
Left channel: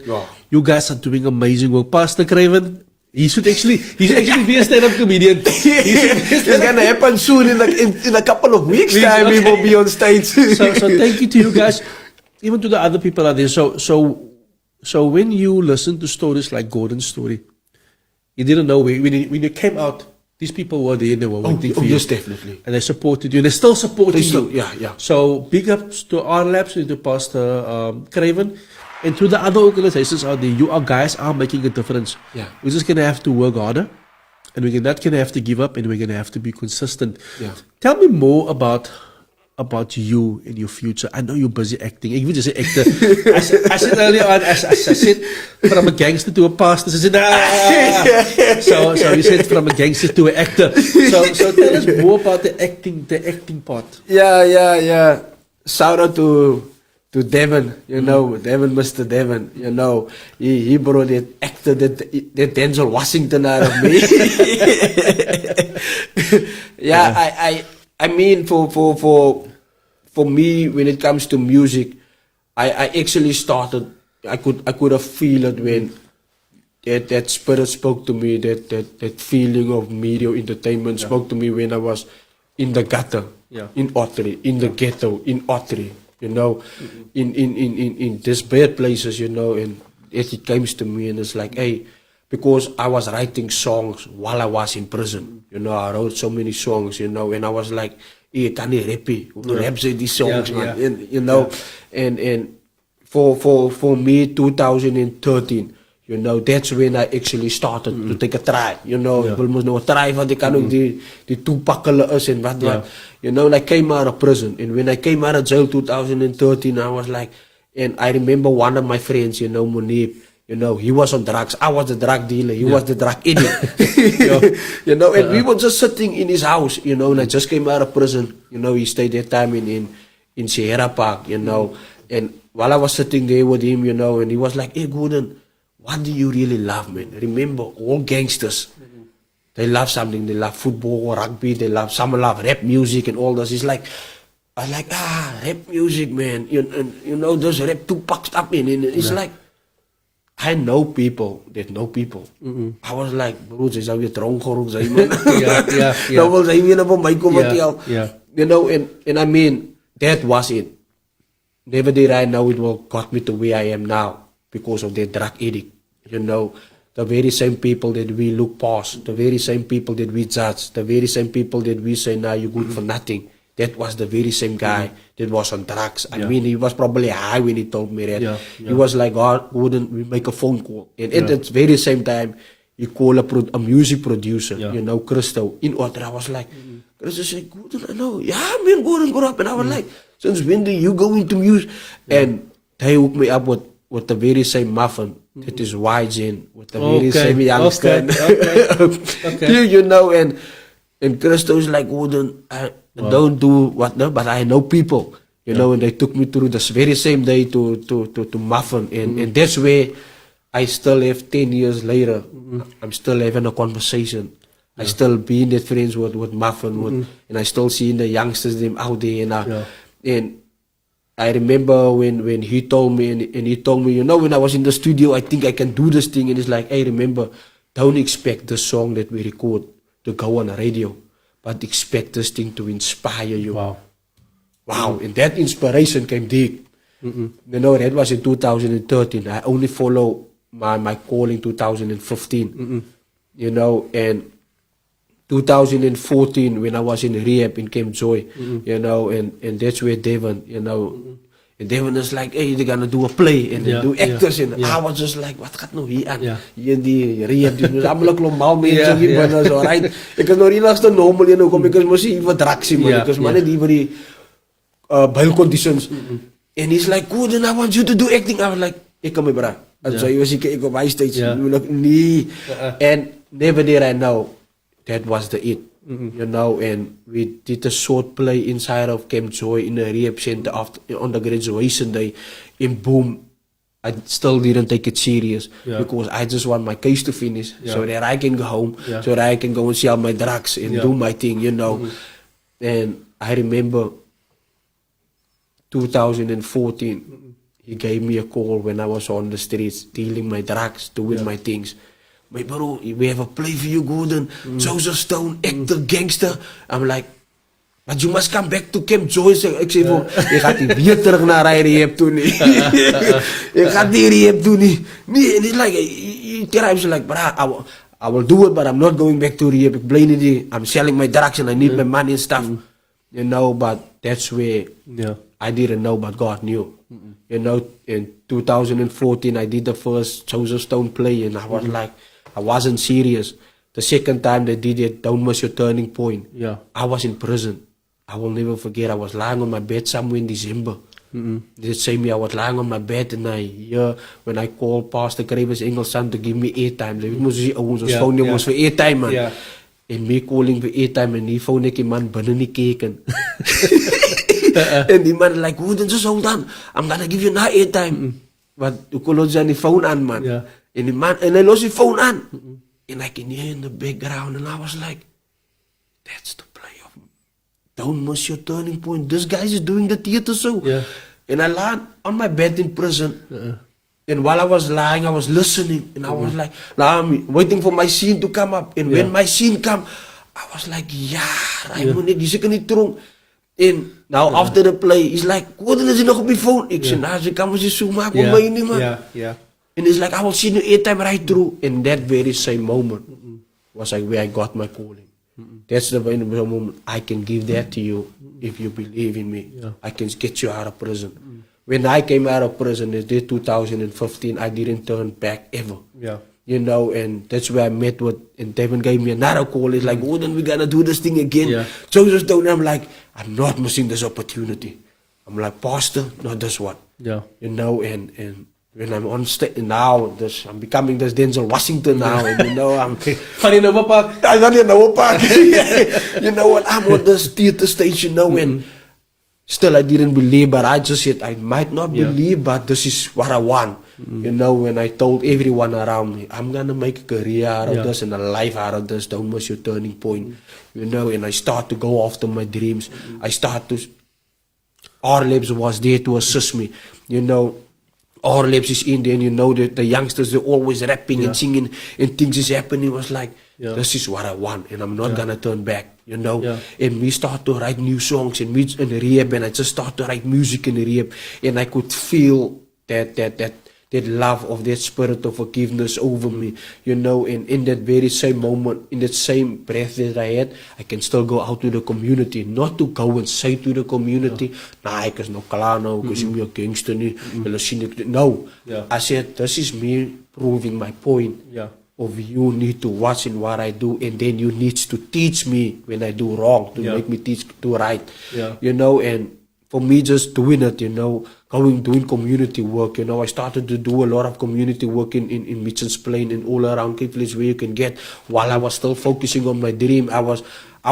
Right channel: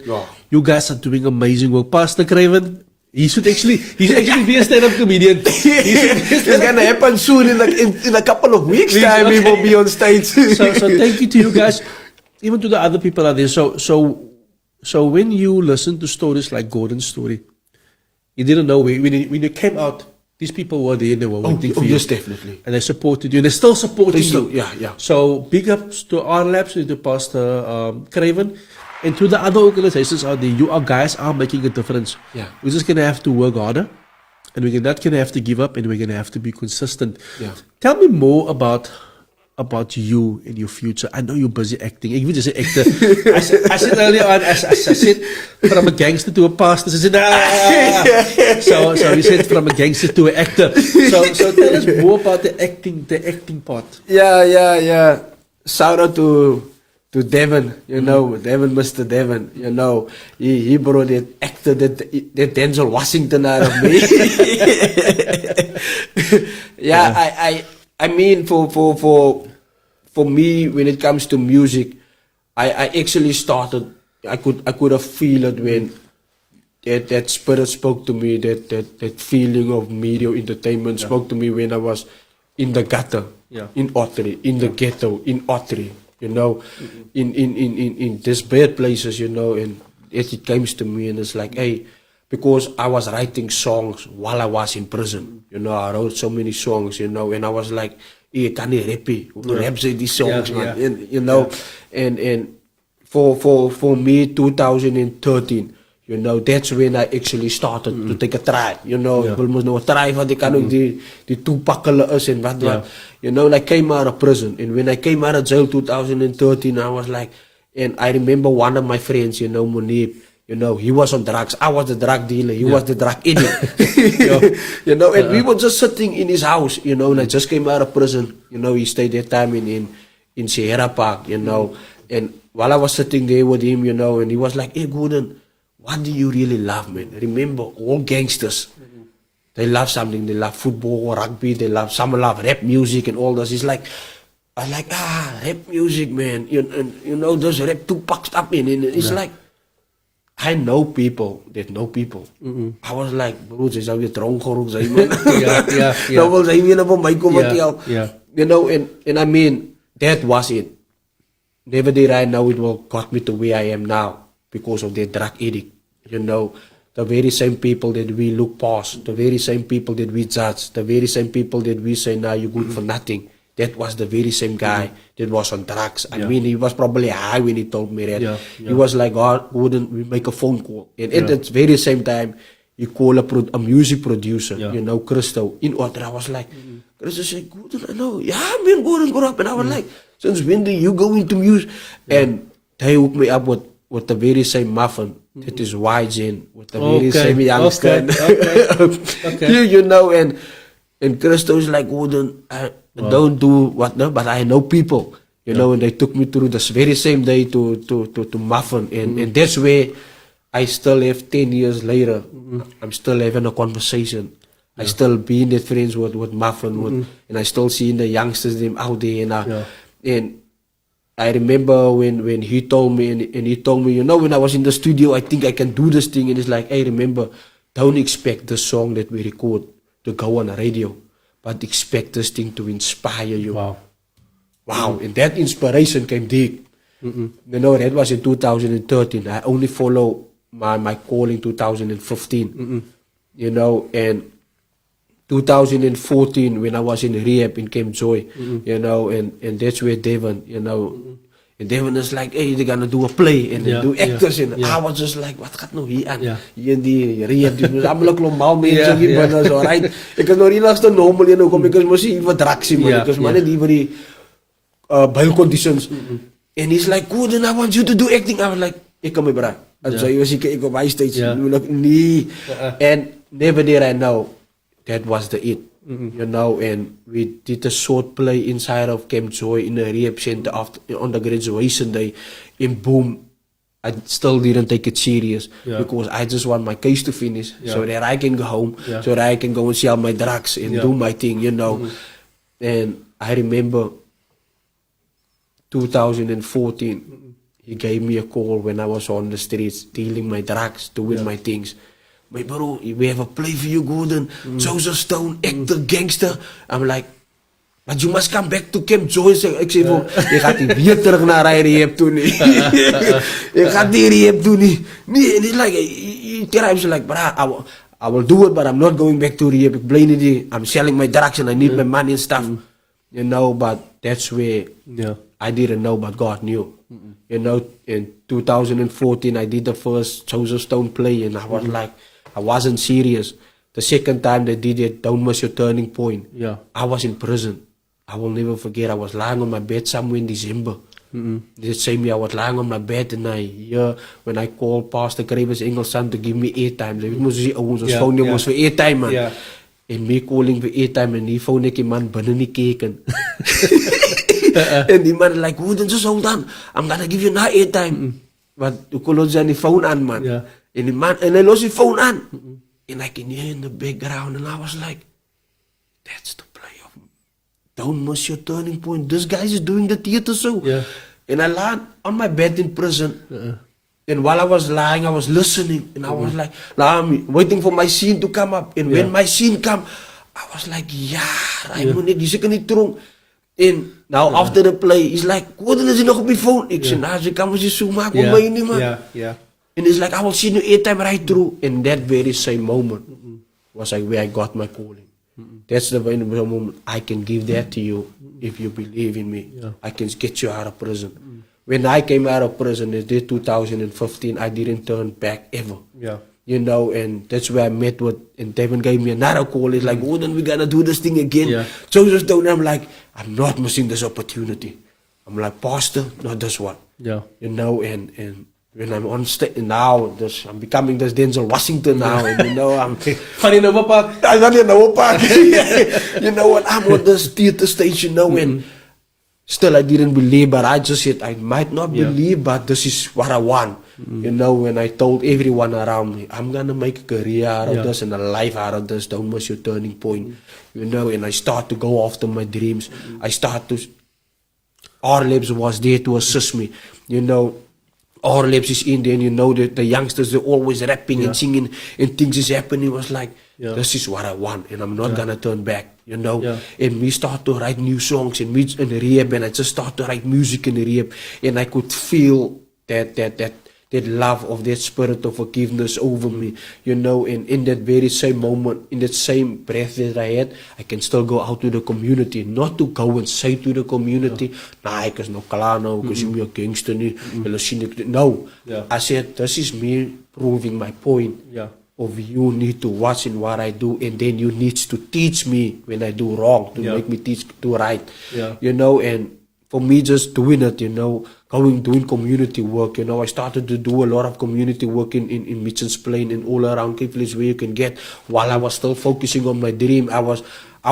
You guys are doing amazing work. Pastor Craven, he's actually be a stand-up comedian. It's gonna happen soon in a couple of weeks time. We will be on stage. So thank you to you guys, even to the other people out there. So when you listen to stories like Gordon's story, you didn't know when you came out. These people were there and they were waiting for you. Yes, definitely. And they supported you. And they're still supporting you. Yeah. So big ups to our labs and to Pastor Craven and to the other organizations out there. You guys are making a difference. Yeah. We're just going to have to work harder. And we're not going to have to give up. And we're going to have to be consistent. Yeah. Tell me more about you and your future. I know you're busy acting. Ik wil just say actor. I said earlier on, I said from a gangster to a pastor. I said, So he said from a gangster to an actor. So tell us more about the acting part. Yeah. Shout out to Devin, you know, Mr. Devin, you know, he brought that actor, that Denzel Washington out of me. I mean, for me, when it comes to music, I actually started. I could have feel it when that spirit spoke to me. That feeling of media entertainment spoke to me when I was in the gutter, in Ottery, in the ghetto, in Ottery. You know, in these bad places, you know, and it comes to me and it's like, hey, because I was writing songs while I was in prison. You know, I wrote so many songs, you know, and I was like, hey, can you rap these songs, man? And, you know, and for me, 2013, you know, that's when I actually started to take a try, you know. Ik moest nog try, want ik kan ook die toepakkelen is en wat. You know, and I came out of prison. And when I came out of jail 2013, I was like, and I remember one of my friends, you know, Munib, you know, he was on drugs. I was the drug dealer. He was the drug idiot. You know, and we were just sitting in his house, you know, and I just came out of prison. You know, he stayed that time in Sierra Park, you know. And while I was sitting there with him, you know, and he was like, hey, Gordon, what do you really love, man? Remember, all gangsters, they love something. They love football, rugby, some love rap music and all this. It's like, I was like, rap music, man. You know, those rap Tupac stuff in. And it's like, I know people that know people. I was like, bro, ze zou weer dronk geworden zijn, man. Nou wil zijn jullie van mij komen kijken. You know, and I mean, that was it. Never did I know it will got me to where I am now because of that drug addict. You know, the very same people that we look past, the very same people that we judge, the very same people that we say, now you're good for nothing. That was the very same guy that was on drugs. I mean, he was probably high when he told me that. He was like, God, wouldn't we make a phone call? And at the very same time, he called a music producer, you know, Christo, in order. I was like, Christo said, Gordon, I know. Yeah, man, Gordon, go up. And I was like, since when did you go into music? And they hooked me up with the very same muffin that is YGen, with the very same youngster. Okay. You know, and Christo is like, I don't do what, no, but I know people. You know, and they took me through this very same day to Muffin, and that's where I still have 10 years later. I'm still having a conversation. I still being at friends with Muffin, and I still seeing the youngsters them out there, and I remember when he told me, and he told me, you know, when I was in the studio, I think I can do this thing, and it's like, hey, remember, don't expect the song that we record to go on the radio, but expect this thing to inspire you. Wow, and that inspiration came deep. You know, that was in 2013. I only follow my call in 2015. You know, and 2014 when I was in rehab in Camp Joy, you know, and that's where Devon, you know, and Devon is like, hey, they're gonna do a play and they do actors, and I was just like, wat gaat nou hier aan? Hier die rehab, die allemaal normaal mensen die binnen zo, right? Ik was nog niet als de normal, you know, because ik was hier wat dragsie, man, because man, die voor die bail conditions, and he's like, good, and I want you to do acting. I was like, ik kan me bra. En zo, ik op high stage, nee, and never did I know that was the it. You know, and we did a short play inside of Camp Joy in a rehab center on the graduation day. And boom, I still didn't take it serious because I just want my case to finish so that I can go home, so that I can go and sell my drugs and do my thing, you know. And I remember 2014, he gave me a call when I was on the streets, dealing my drugs, doing my things. My bro, we have a play for you, Gordon. Joseph Stone, actor, gangster. I'm like, but you must come back to Camp Joy. Ik zeg van, je gaat niet weer terug naar rehab toe nie. Je gaat die rehab doen nie. Nee, and it's like, he's like, but I will do it, but I'm not going back to rehab. Ik blij niet, I'm selling my drugs and I need my money and stuff. You know, but that's where I didn't know, but God knew. You know, in 2014, I did the first Joseph Stone play, and I was like, I wasn't serious. The second time they did it, Don't Miss Your Turning Point, I was in prison. I will never forget, I was lying on my bed somewhere in December. They say me, I was lying on my bed, and I hear when I called Pastor Krebus Engelsson to give me airtime. They moest die ouwens, ons phone was for airtime, man. And me calling for airtime, and die phone ek die man binnen die keken. And die man like, oh, then just hold on, I'm gonna give you now airtime. But you call on the phone on, man. And the man, and I lost the phone on. And I can hear in the background, and I was like, that's the play of Don't Miss Your Turning Point. This guy is doing the theater show. And I lied on my bed in prison. And while I was lying, I was listening, and I was like, now I'm waiting for my scene to come up. And when my scene come, I was like, I know this is niet true. And now after the play, he's like, what is it nog op je phone? Ik zei, nou, ze kan me zo maken op mij niet, man. And it's like, I will see you airtime right through. And that very same moment was like where I got my calling. That's the moment I can give that to you if you believe in me. I can get you out of prison. When I came out of prison in 2015, I didn't turn back ever. You know, and that's where I met with, and Devin gave me another call. He's like, oh, then we gotta do this thing again. Joseph Stone, I'm like, I'm not missing this opportunity. I'm like, Pastor, not this one. You know, and when I'm on stage now, I'm becoming this Denzel Washington now, and you know, I'm in the park. You know what? I'm on this theater stage, you know, and still I didn't believe, but I just said I might not believe, but this is what I want. You know, when I told everyone around me, I'm gonna make a career out of this and a life out of this, Don't Miss Your Turning Point. You know, and I start to go after my dreams. R-Labs was there to assist me. You know, R-Labs is in there, and you know that the youngsters, they're always rapping and singing, and things is happening. It was like, this is what I want, and I'm not gonna turn back. You know, and we start to write new songs and meet in the rehab, and I just start to write music in the rehab, and I could feel that love of that spirit of forgiveness over me, you know, and in that very same moment, in that same breath that I had, I can still go out to the community, not to go and say to the community, nah, ek is nog klaar nou, ek is nie meer gangster nie, hulle sien ek, no, I said, this is me proving my point, of you need to watch in what I do, and then you need to teach me when I do wrong, to make me do right, you know, and for me just doing it, you know, doing community work. I started to do a lot of community work in Mitchell's Plain and all around Cape Village where you can get. While I was still focusing on my dream, I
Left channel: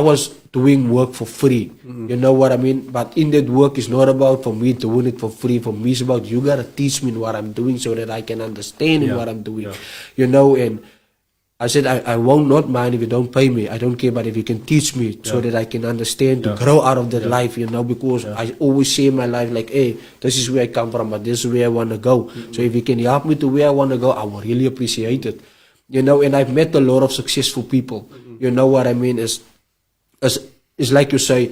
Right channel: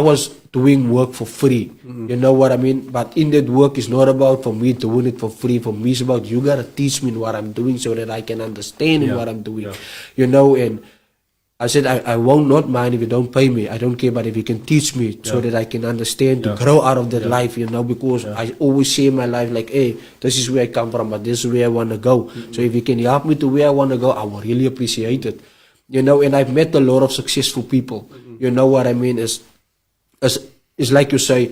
was doing work for free. You know what I mean? But in that work, it's not about for me doing it for free. For me, it's about you gotta teach me what I'm doing so that I can understand what I'm doing. And I said, I won't not mind if you don't pay me. I don't care, but if you can teach me so that I can understand to grow out of that life, because I always say in my life, like, hey, this is where I come from, but this is where I want to go. So if you can help me to where I want to go, I will really appreciate it. And I've met a lot of successful people. You know what I mean? It's like you say,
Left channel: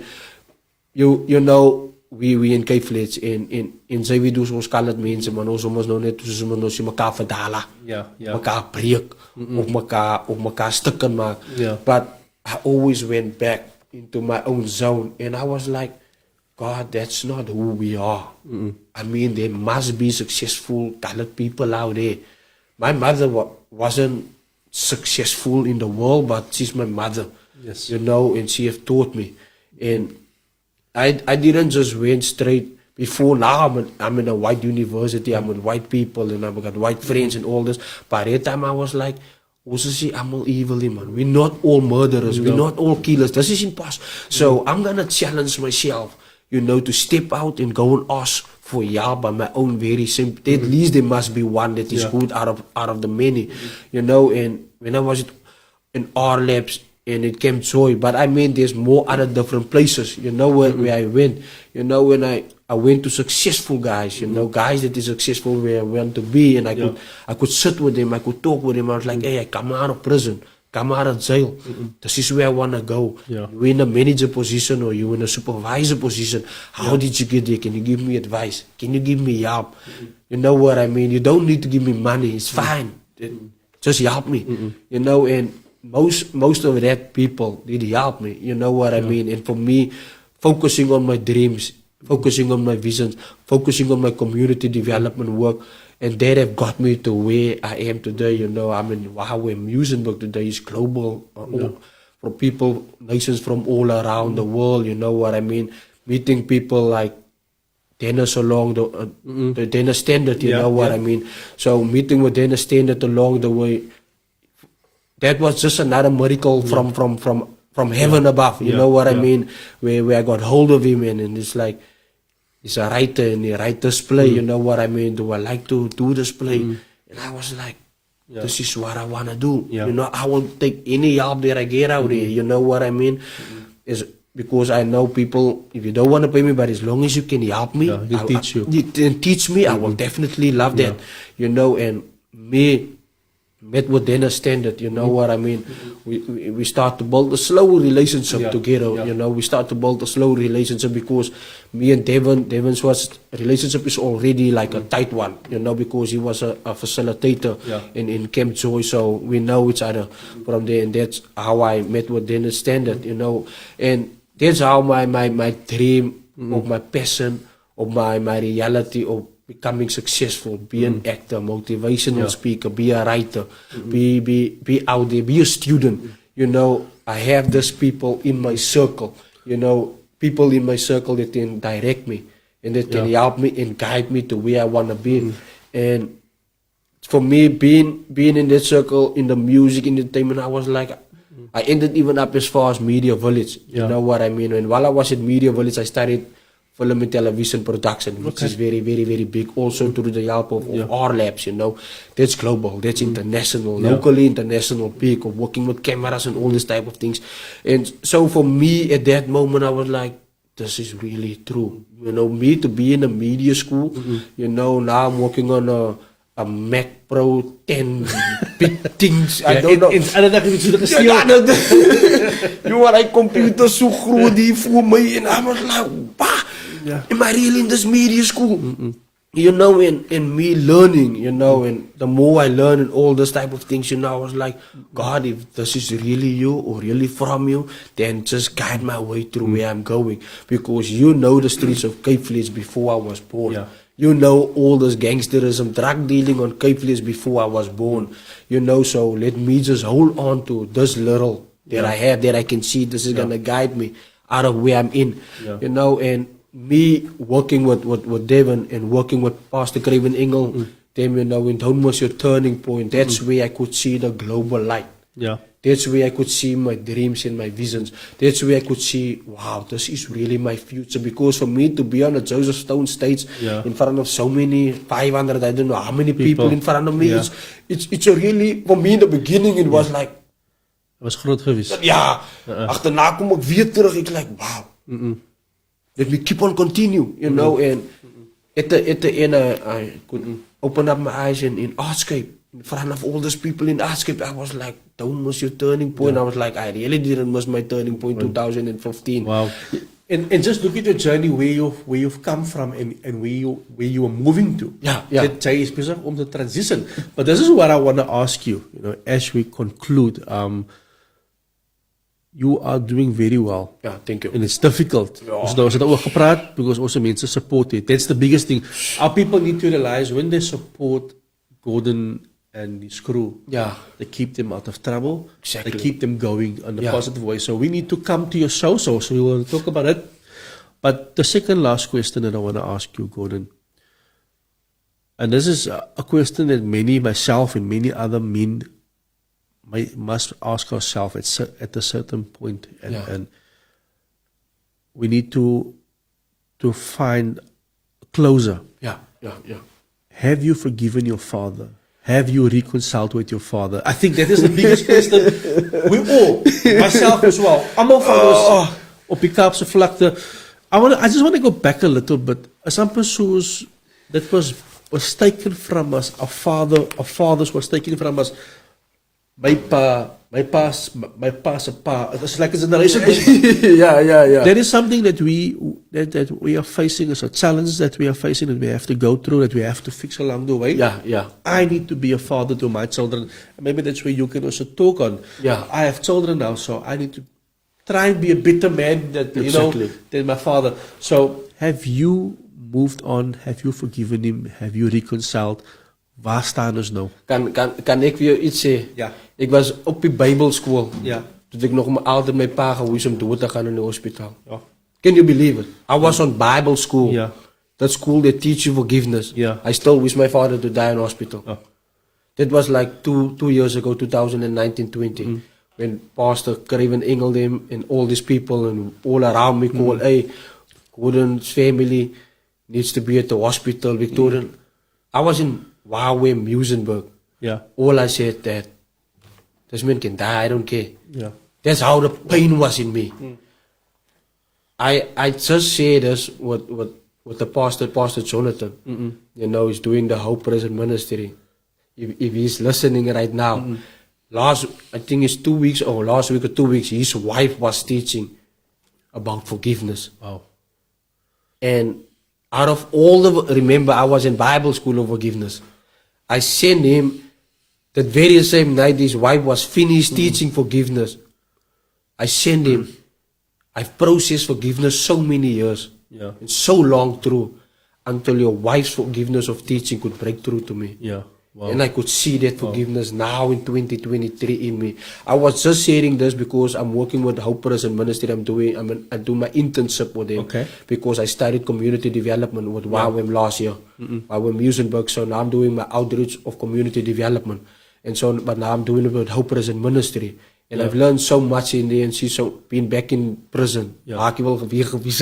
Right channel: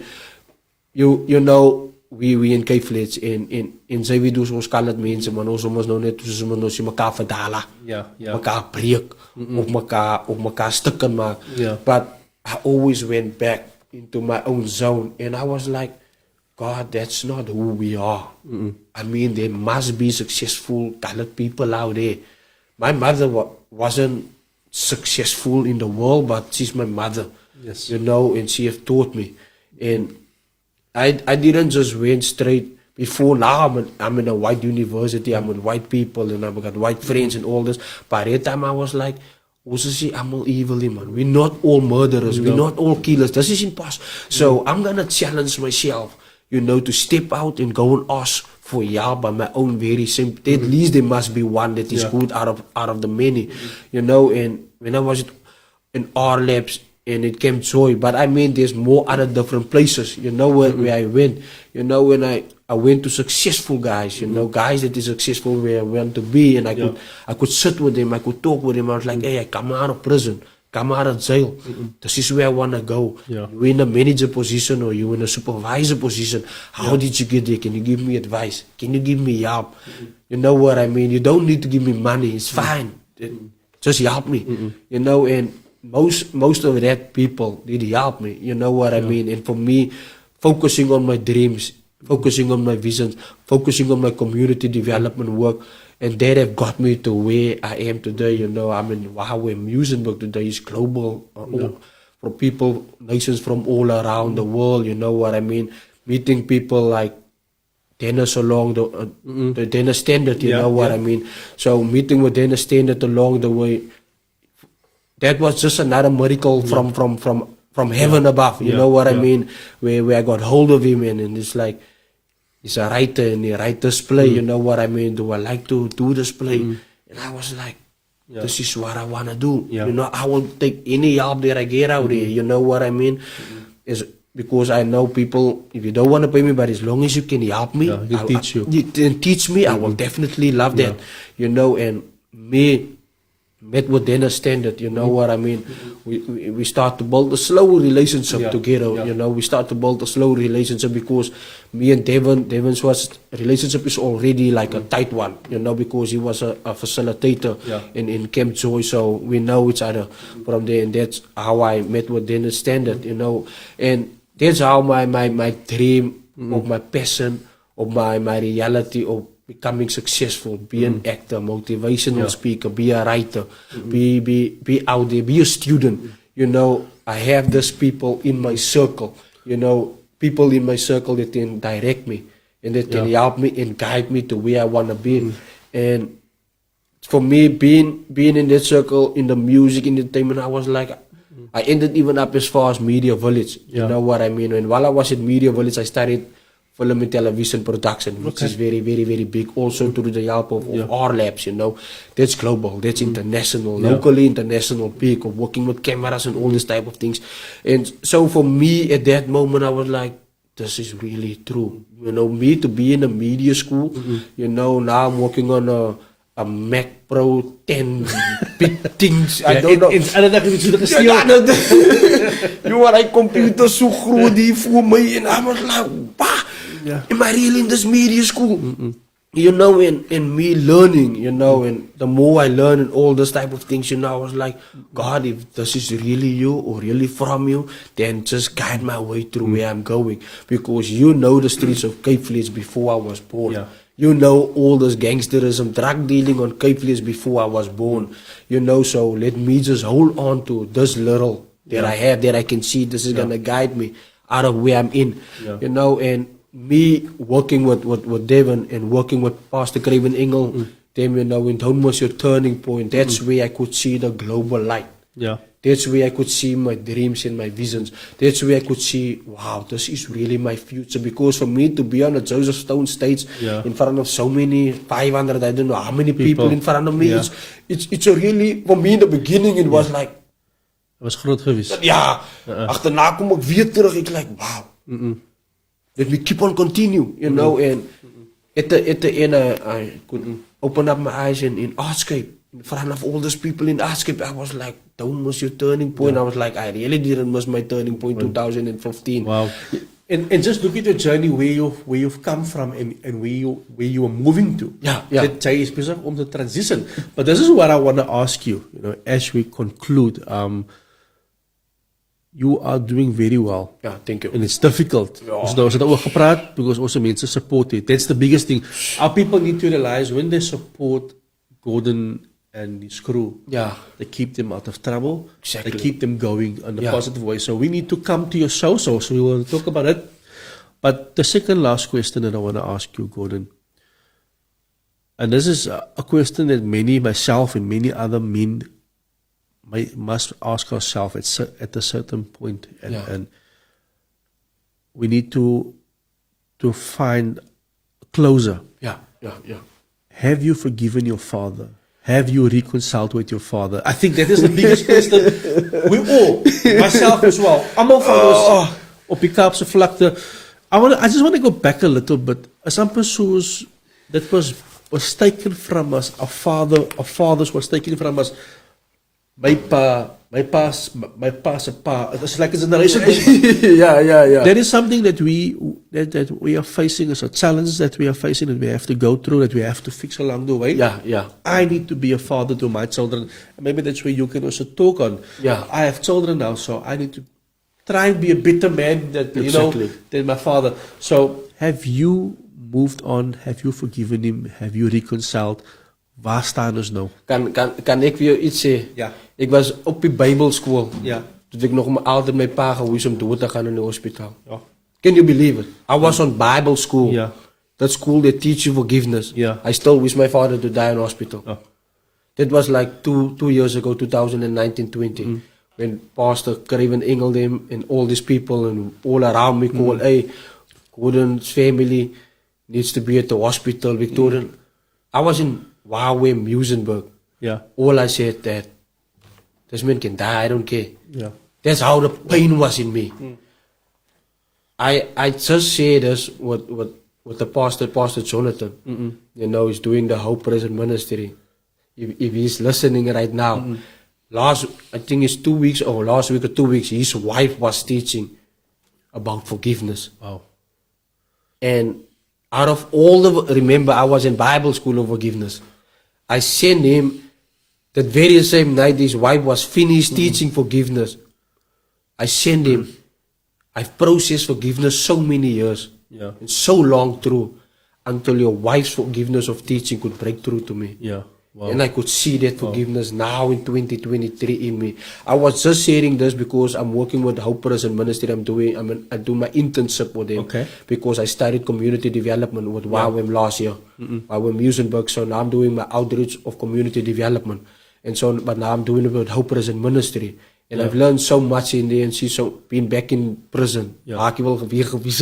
we in Cape Village en sy wie dus ons kan dit mense maar ons nou net soos ons mekaar verdala mekaar breek of mekaar stukken maak. But I always went back into my own zone and I was like, God, that's not who we are. I mean, there must be successful talented people out there. My mother wasn't successful in the world, but she's my mother. And she have taught me. And I didn't just went straight. Before now, I'm in a white university, I'm with white people, and I've got white friends and all this. By that time, I was like, I'm all evil, man. We're not all murderers. We're not all killers. This is impossible. So I'm going to challenge myself, to step out and go and ask for help by my own very simple. At least there must be one that is good out of the many, And when I was in R Labs, and it came joy, but I mean there's more other different places, where I went, when I went to successful guys, guys that is successful where I want to be, and I could sit with them, I could talk with them. I was like, hey, I come out of prison, come out of jail, this is where I want to go. You're in a manager position or you're in a supervisor position, how did you get there? Can you give me advice? Can you give me help? You know what I mean? You don't need to give me money, it's fine, just help me, and most of that people did help me, you know what I mean? And for me, focusing on my dreams, focusing on my visions, focusing on my community development work, and that have got me to where I am today. I mean, where Muizenberg today is global, for people, nations from all around the world, you know what I mean? Meeting people like Dennis along the Dennis Standard, you know what I mean? So meeting with Dennis Standard along the way, that was just another miracle from heaven above, you know what I mean? Where I got hold of him, and it's like, he's a writer and he writes this play, you know what I mean? Do I like to do this play? And I was like, this is what I want to do. I will take any help that I get out here, you know what I mean? Is because I know people, if you don't want to pay me, but as long as you can help me, you can teach me, I will definitely love that, and me, met with Dennis Standard, you know what I mean? We start to build a slow relationship together, we start to build a slow relationship because me and Devin's relationship is already like a tight one, because he was a facilitator in Camp Joy, so we know each other from there, and that's how I met with Dennis Standard, and that's how my dream of my passion, of my reality of becoming successful, be an actor, motivational speaker, be a writer, be out there, be a student. I have these people in my circle, people in my circle that can direct me and that can help me and guide me to where I want to be. And for me, being in that circle, in the music, entertainment, I was like, I ended even up as far as Media Village. You know what I mean? And while I was in Media Village, I studied film and television production, which is very, very, very big. Also through the help of R Labs, that's global, that's international, locally international, big, of working with cameras and all this type of things. And so for me at that moment, I was like, this is really true. Me to be in a media school, now I'm working on a Mac Pro 10 big things. I don't know. I computer so groot die voor mij, and I was like, am I really in this media school? And me learning, and the more I learn and all this type of things, I was like, God, if this is really you or really from you, then just guide my way through where I'm going. Because the streets of Cape Village before I was born. All this gangsterism, drug dealing on Cape Village before I was born. So let me just hold on to this little that I have, that I can see this is going to guide me out of where I'm in. And me working with Devon and working with Pastor Craven Engel, them, you know, in Don't Was Your Turning Point, that's where I could see the global light. Yeah. That's where I could see my dreams and my visions. That's where I could see, wow, this is really my future. Because for me to be on a Joseph Stone stage in front of so many, 500, I don't know how many people in front of me, it's a really, for me in the beginning, it was like, Was groot geweest. ja, achterna kom ek weer terug, ek like, wow. Let me keep on continue, you know, and at the end, I could open up my eyes in Artscape, in front of all these people in Artscape. I was like, Don't Was Your Turning Point. I was like, I really didn't miss my turning point 2015. Wow. And just look at the journey where you've come from and where you are moving to. Yeah. That jy is besig om te transition. But this is what I want to ask you, you know, as we conclude. You are doing very well. Yeah, thank you. And it's difficult. Ons het daaroor gepraat because ons mense support it. That's the biggest thing. Our people need to realize when they support Gordon and his crew, they keep them out of trouble. Exactly. They keep them going in a positive way. So we need to come to your show, so we want to talk about it. But the second last question that I want to ask you, Gordon, and this is a question that myself and many other men must ask ourselves at a certain point, and we need to find a closer. Yeah. Have you forgiven your father? Have you reconciled with your father? I think that is the biggest question. We all, myself as well, almal van ons op die Kaapse vlakte. I just want to go back a little bit. As amper soos that was taken from us, our fathers was taken from us. My pa's a pa. It's like it's a generation. Yeah. There is something that we are facing as a challenge that we are facing and we have to go through, that we have to fix along the way. Yeah. I need to be a father to my children. Maybe that's where you can also talk on. Yeah. I have children now, so I need to try and be a better man than my father. So have you moved on? Have you forgiven him? Have you reconciled? Waar staan ons nou? Kan ek vir jou iets sê? Ja. Ek was op die Bybelskool. Ja. Toe ek nog altyd my pa gehoes om dood te gaan in die hospitaal. Ja. Can you believe it? I was on Bible school. Yeah. That school they teach you forgiveness. Yeah. I still wish my father to die in hospital. Yeah. That was like two years ago, 2019-20, when Pastor Craven Engel them and all these people and all around me called, hey, Gordon's family needs to be at the hospital. Victoria. I was in Wawe, Muizenberg. Yeah. All I said that this man can die, I don't care. Yeah. That's how the pain was in me. I just say this with the Pastor Jonathan. You know, he's doing the Hope Present Ministry. If he's listening right now, I think it's 2 weeks or last week or 2 weeks, his wife was teaching about forgiveness. Wow. And out of all remember I was in Bible school of forgiveness. I sent him that very same night his wife was finished teaching forgiveness. I sent him. I've processed forgiveness so many years. Yeah. And so long through until your wife's forgiveness of teaching could break through to me. Yeah. Wow. And I could see that forgiveness now in 2023 in me. I was just sharing this because I'm working with Hope Present Ministry. I do my internship with them. Okay. Because I started community development with YWAM last year. YWAM Muizenberg. So now I'm doing my outreach of community development. And so, but now I'm doing it with Hope Present Ministry. And I've learned so much in the NC, so being back in prison. But it's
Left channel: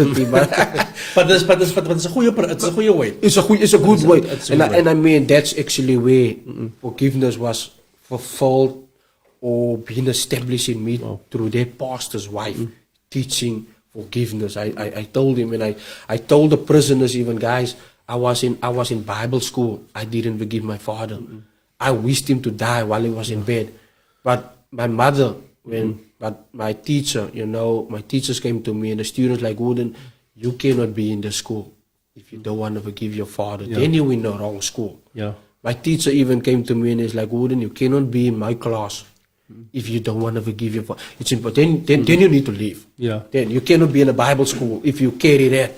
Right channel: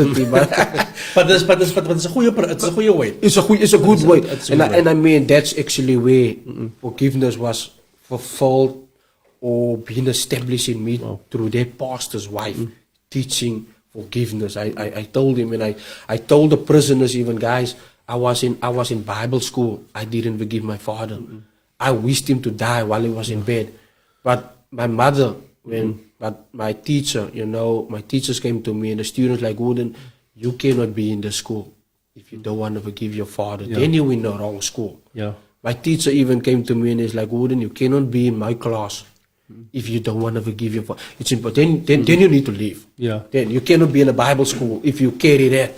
a good way. It's a good way. And I mean, that's actually where forgiveness was fulfilled or being established in me through their pastor's wife teaching forgiveness. I told him, and I told the prisoners even, guys, I was in Bible school. I didn't forgive my father. I wished him to die while he was in bed. But my mother, but my teacher, you know, my teachers came to me and the students like, Gordon, you cannot be in the school if you don't want to forgive your father. Then you're in the wrong school. Yeah. My teacher even came to me and he's like, Gordon, you cannot be in my class if you don't want to forgive your father. It's important. Then you need to leave. Yeah. Then you cannot be in a Bible school if you carry that,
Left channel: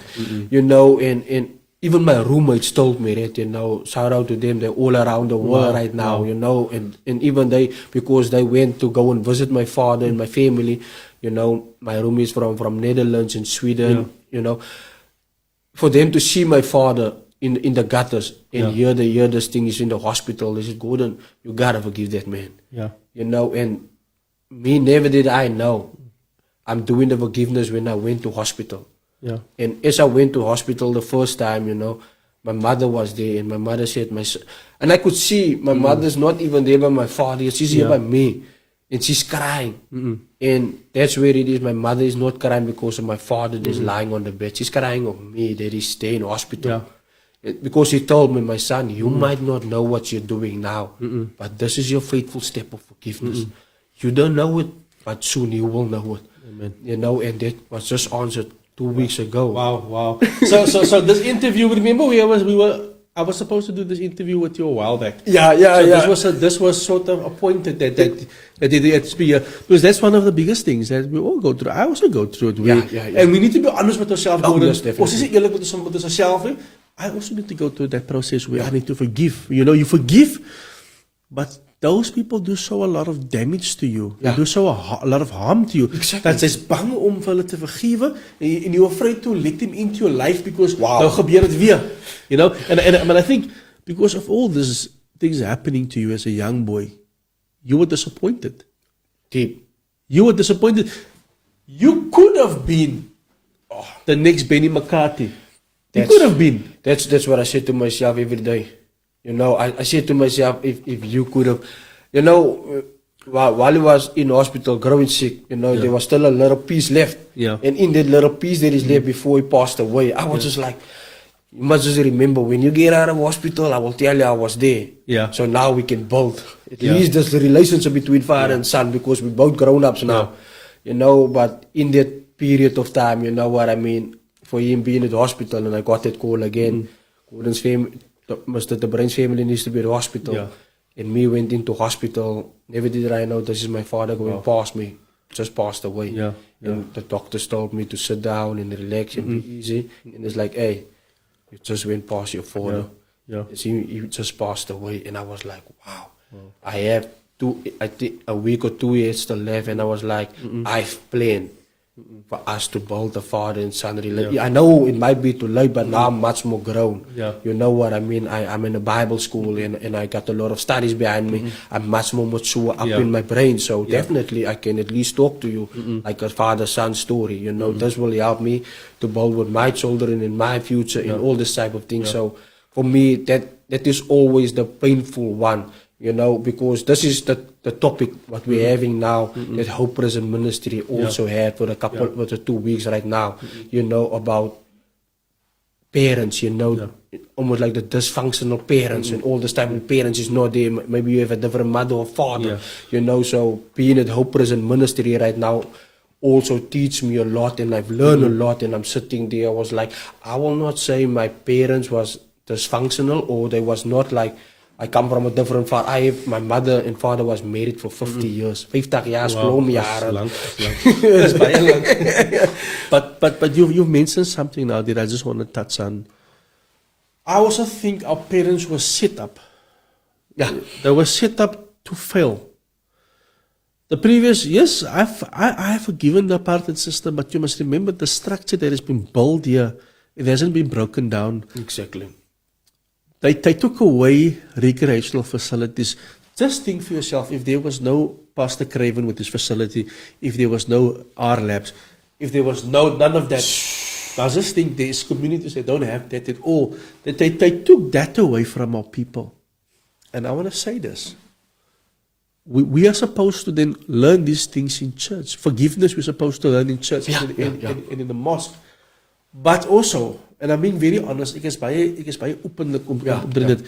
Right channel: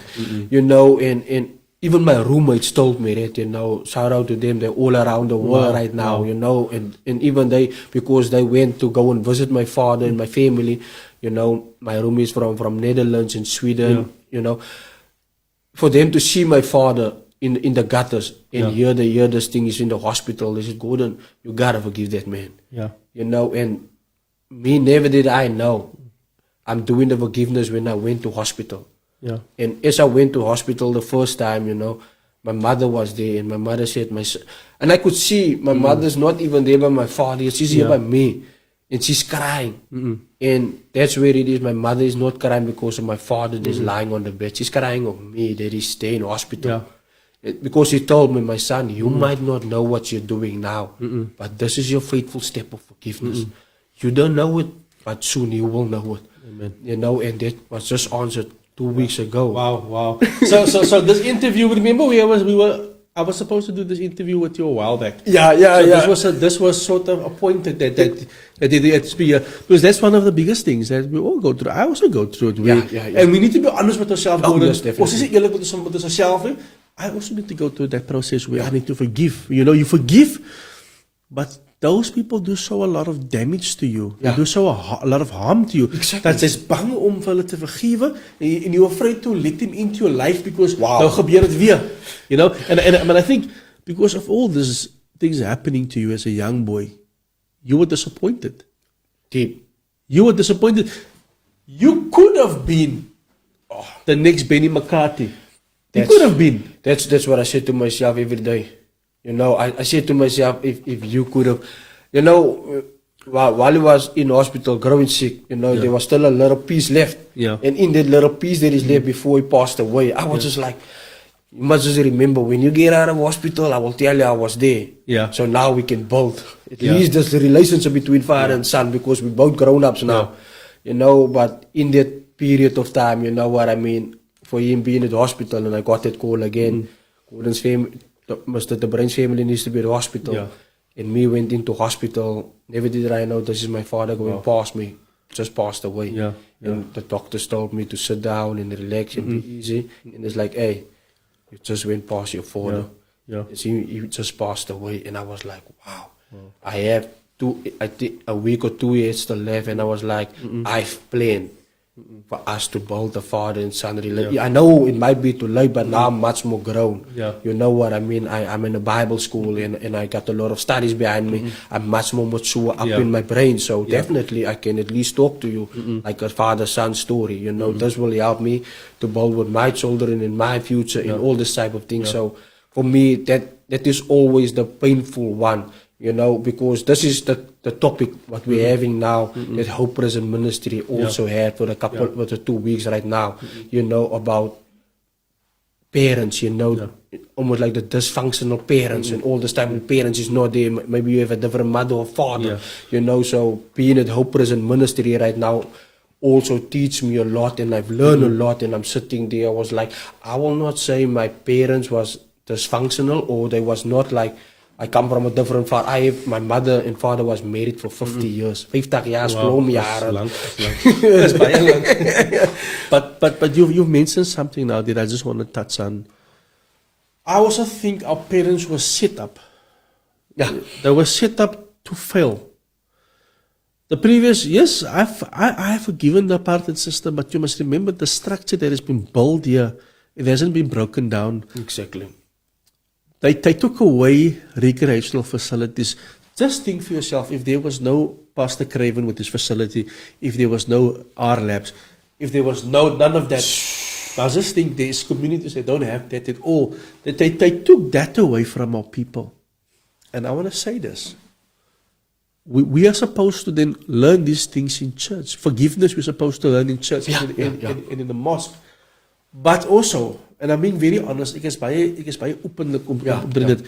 you know, and even my roommates told me that, you know, shout out to them, they're all around the world right now, you know, and even they, because they went to go and visit my father and my family, you know, my room is from Netherlands and Sweden, you know, for them to see my father in the gutters and hear this thing is in the hospital, they said, Gordon, you gotta forgive that man. Yeah. You know, and me, never did I know I'm doing the forgiveness when I went to hospital. Yeah. And as I went to hospital the first time, you know, my mother was there, and my mother said, and I could see my mother's not even there by my father, she's here by me, and she's crying. And that's where it is. My mother is not crying because of my father that is lying on the bed. She's crying of me that is staying in hospital. Yeah. Because he told me, my son, you might not know what you're doing now, but this is your faithful step of forgiveness. You don't know it, but soon you will know it. Amen. You know, and that was just answered 2 weeks ago. Wow. So this interview, remember I was supposed to do this interview with you a while back. So this was sort of appointed that the experience, because that's one of the biggest things that we all go through. I also go through it. And we need to be honest with ourselves. Yes, definitely. I also need to go through that process where I need to forgive. You know, you forgive, but those people do so a lot of damage to you. They do so a lot of harm to you. Exactly. Dat jy's bang om vir hulle te vergewe and you're afraid to let them into your life because nou gebeur dit weer. You know, but I think because of all these things happening to you as a young boy, you were disappointed. Deep. You were disappointed. You could have been the next Benny McCarthy. You could have been. That's what I say to myself every day. You know, I say to myself, if you could have, you know, while he was in hospital growing sick, you know, there was still a little piece left. Yeah. And in that little piece that is left before he passed away, I was just like, you must just remember, when you get out of hospital, I will tell you I was there. Yeah. So now we can build. At least there's the relationship between father and son, because we're both grown-ups now. You know, but in that period of time, you know what I mean, for him being at the hospital, and I got that call again, Gordon's family, Mr. De Bruyn's family needs to be at the hospital. And me went into hospital. Never did I know this is my father going past me. Just passed away. And the doctors told me to sit down and relax and be easy. And it's like, hey, you just went past your father. He just passed away. And I was like, wow. I had a week or 2 years to live, and I was like, I've planned for us to build a father and son relationship. I know it might be too late, but now I'm much more grown. You know what I mean? I'm in a Bible school, and I got a lot of studies behind me. I'm much more mature up in my brain, so definitely I can at least talk to you like a father-son story. You know, this will help me to build with my children in my future and all this type of things. So for me, that is always the painful one. You know, because this is the topic what we're having now, that Hope Prison Ministry also had for a couple for the 2 weeks right now, you know, about parents, you know, almost like the dysfunctional parents, and all this time when parents is not there, maybe you have a different mother or father, you know, so being at Hope Prison Ministry right now also teach me a lot, and I've learned a lot, and I'm sitting there, I was like, I will not say my parents was dysfunctional, or they was not like, I come from a different father. My mother and father was married for 50 years. 50 jaar, jaren. But you mentioned something now that I just want to touch on. I also think our parents were set up. They were set up to fail. The previous, yes, I have forgiven the apartheid system, but you must remember the structure that has been built here, it hasn't been broken down. Exactly. They took away recreational facilities. Just think for yourself, if there was no Pastor Craven with his facility, if there was no R Labs, if there was none of that, I just think there's communities that don't have that at all. They took that away from our people. And I want to say this. We are supposed to then learn these things in church. Forgiveness we're supposed to learn in church and in the mosque. But also, and I'm being very honest, ek is baie openlik om te bring dit.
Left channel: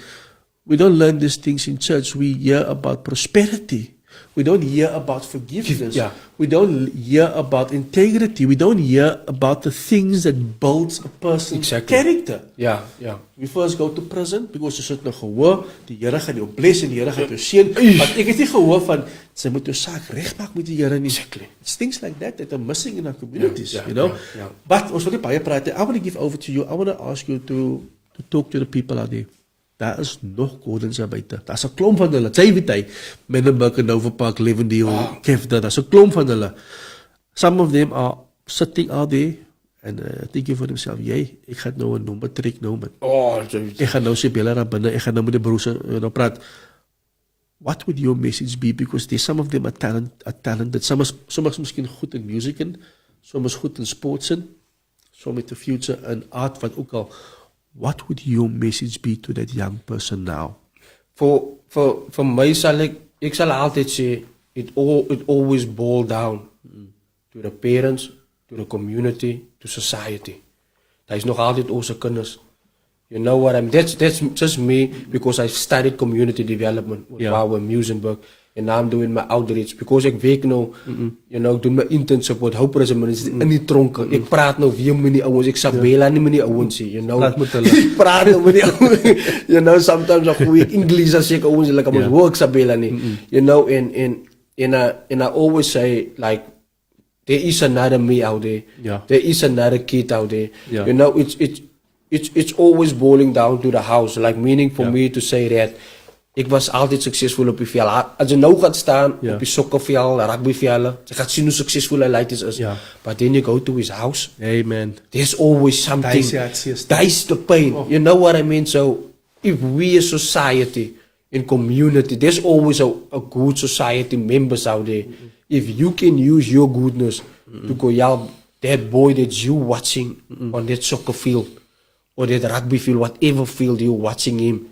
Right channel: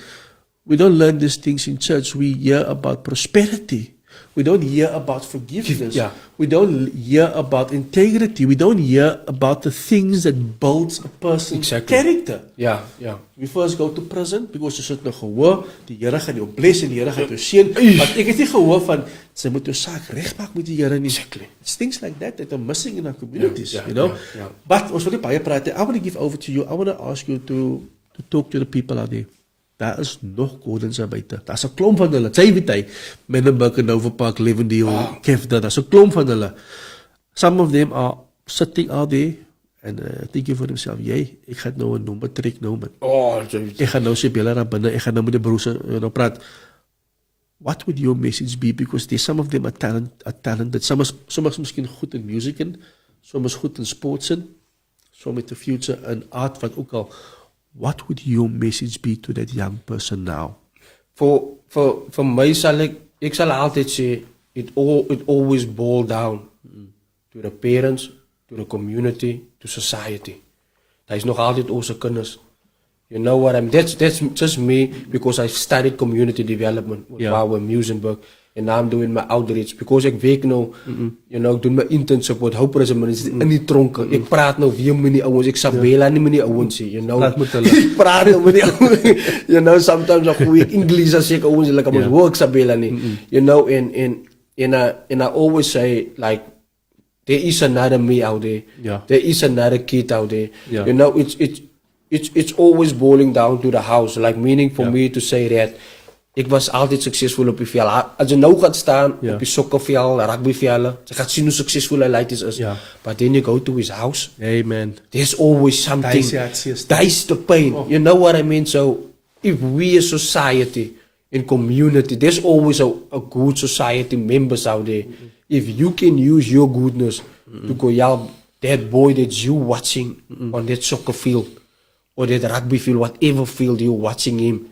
We don't learn these things in church. We hear about prosperity. We don't hear about forgiveness. We don't hear about integrity. We don't hear about the things that builds a person's character. We first go to prison because jy sit nou gehoor, die Here gaan jou bless en die Here gaan jou seën. Maar ek het nie gehoor van sy moet jou saak regmaak met die Here nie. It's things like that are missing in our communities, you know. But ons wil nie baie praat. I want to give over to you. I want to ask you to talk to the people out there. Daar is nog Gordons daar buite. Daar's 'n klomp van hulle. Jy Menenberg en Nova Park, Lewendeel, Kefda, daar's 'n klomp van hulle. Some of them are sitting out there En dink jy vir homself, ek gaan nou 'n nommer trek nou man. Oh, Ek gaan nou sy bella daar binne, ek gaan nou met die broers nou praat. What would your message be? Because some of them are talented. Some is miskien goed in music en some is goed in sports en some met the future in art, wat ook al. What would your message be to that young person now? For my sal ek sal altyd sê it always boils down to the parents, to the community, to society. Daar is nog altyd onze kinders. You know what I mean? That's just me, because I studied community development with Power Musenburg, and now I'm doing my outreach because ek werk nou, you know, doen my internship met Hope Prism in die tronke. Ek praat nou weer met die ouens, ek sabela nie met die ouens nie, you know. Ek praat nou met die ouens. You know, sometimes ek goeie English as ek ouens like I'm work sabela nie. You know, and I always say like there is another me out there. Yeah. There is another kid out there. Yeah. You know, it's always boiling down to the house. Like meaning for me to say that ek was altyd suksesvol op die veld. As jy nou gaat staan op die sokkerveld, rugbyvelde, jy gaat zien hoe suksesvol hy leidt is. But then you go to his house. Hey man. There's always something. That's the pain. Oh. You know what I mean? So if we as society and community, there's always a good society members out there. If you can use your goodness to go out, that boy that you watching on that soccer field or that rugby field, whatever field you're watching him,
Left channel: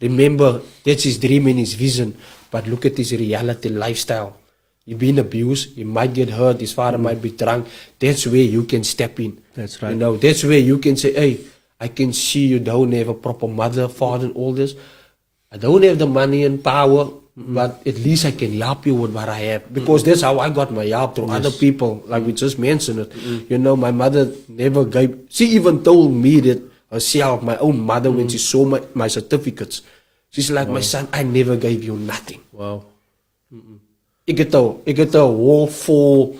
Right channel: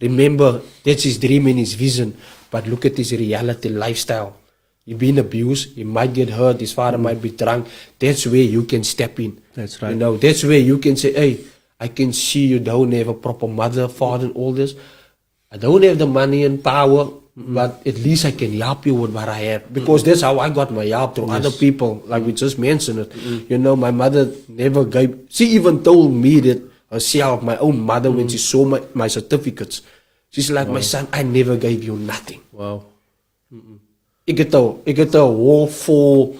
remember, that's his dream and his vision, but look at his reality lifestyle. He's been abused, he might get hurt, his father might be drunk. That's where you can step in. That's right. You know, that's where you can say, hey, I can see you don't have a proper mother, father, and all this. I don't have the money and power, but at least I can help you with what I have. Because that's how I got my help through other people, like we just mentioned it. You know, my mother never gave, she even told me that herself, my own mother, when she saw my certificates, she's like, my son, I never gave you nothing. Wow. Ik het een whole full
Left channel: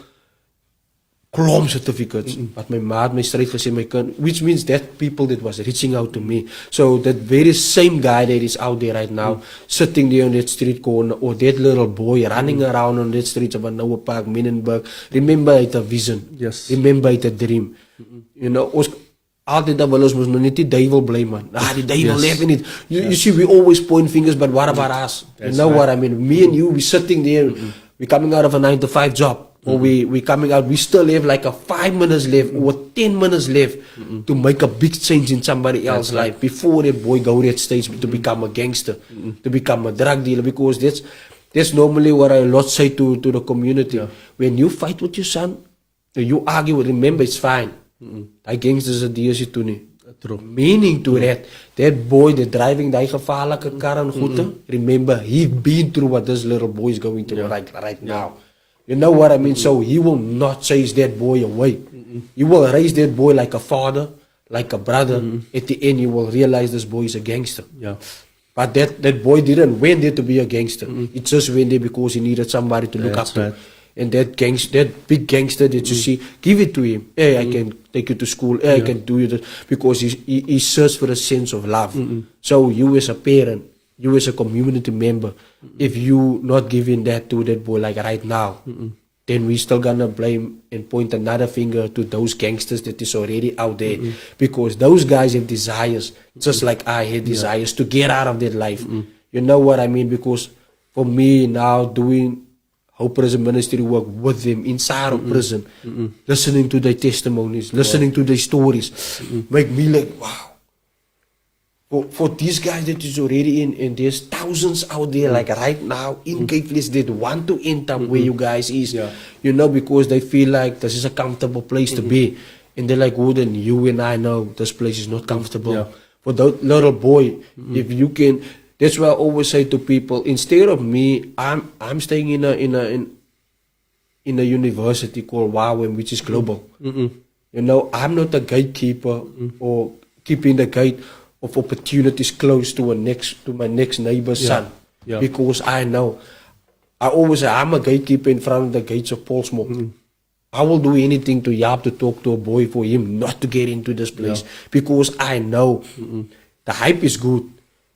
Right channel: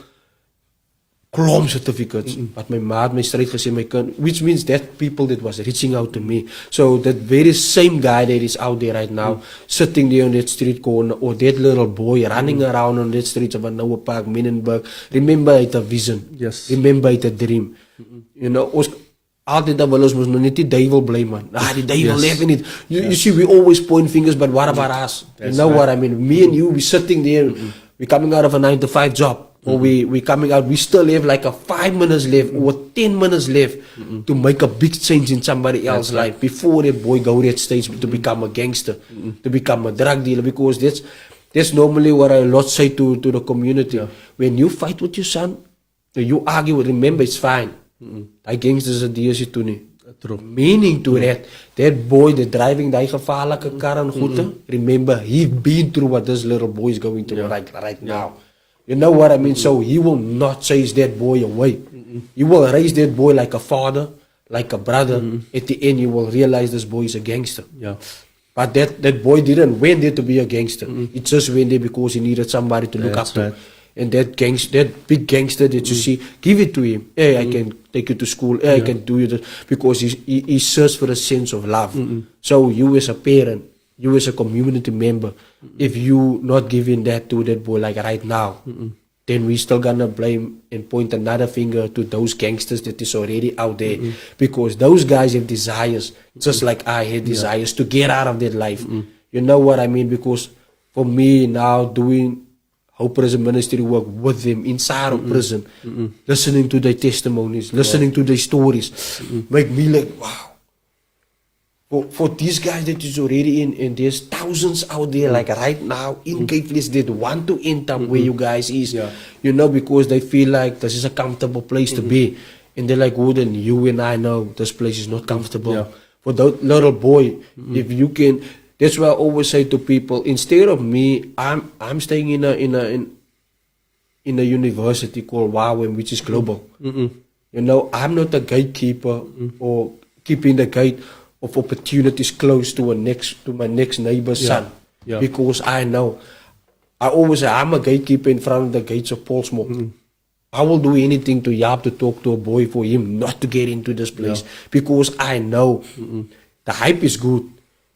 klomp certificates. But my mom, my straight gesê, my kind, which means that people that was reaching out to me. So that very same guy that is out there right now, sitting there on that street corner, or that little boy running around on that street of Noah Park, Minenberg, remember it a vision. Yes. Remember it a dream. You know, altyd dan wil ons mos nou net die duivel bly man. Die duivel leef nie. You see, we always point fingers, but what about us? You know what I mean? Me and you, we sitting there, we coming out of a 9-to-5 job, or we coming out, we still have like a 5 minutes left, or 10 minutes left to make a big change in somebody else's life before that boy go that stage to become a gangster, to become a drug dealer, because that's normally what I lot say to the community. When you fight with your son, you argue, remember it's fine. Die gangsters het die is toe nie. Meaning to that boy that driving die gevaarlike kar en goede, remember, he been through what this little boy is going through right now. You know what I mean? So he will not chase that boy away. He will raise that boy like a father, like a brother. At the end, you will realize this boy is a gangster. Yeah. But that boy didn't went there to be a gangster. He just went there because he needed somebody to look up to. And that big gangster that you see, give it to him. Hey, I can take you to school. Hey, I can do this. Because he searched for a sense of love. So you as a parent, you as a community member, if you not giving that to that boy like right now, then we still gonna blame and point another finger to those gangsters that is already out there. Because those guys have desires, just like I had desires to get out of that life. You know what I mean? Because for me now doing Hope Prison Ministry work with them inside of prison, listening to their testimonies, listening to their stories, make me like, wow. For these guys that is already in, and there's thousands out there, like right now, in Caitlis that want to end up where you guys is, you know, because they feel like this is a comfortable place to be. And they're like, well, then you and I know this place is not comfortable. For that little boy, if you can, that's why I always say to people, instead of me, I'm staying in a university called WAWEM, which is global. You know, I'm not a gatekeeper or keeping the gate of opportunities close to my next neighbor's son. Because I know, I always say I'm a gatekeeper in front of the gates of Portsmouth. I will do anything to help to talk to a boy for him not to get into this place, because I know the hype is good.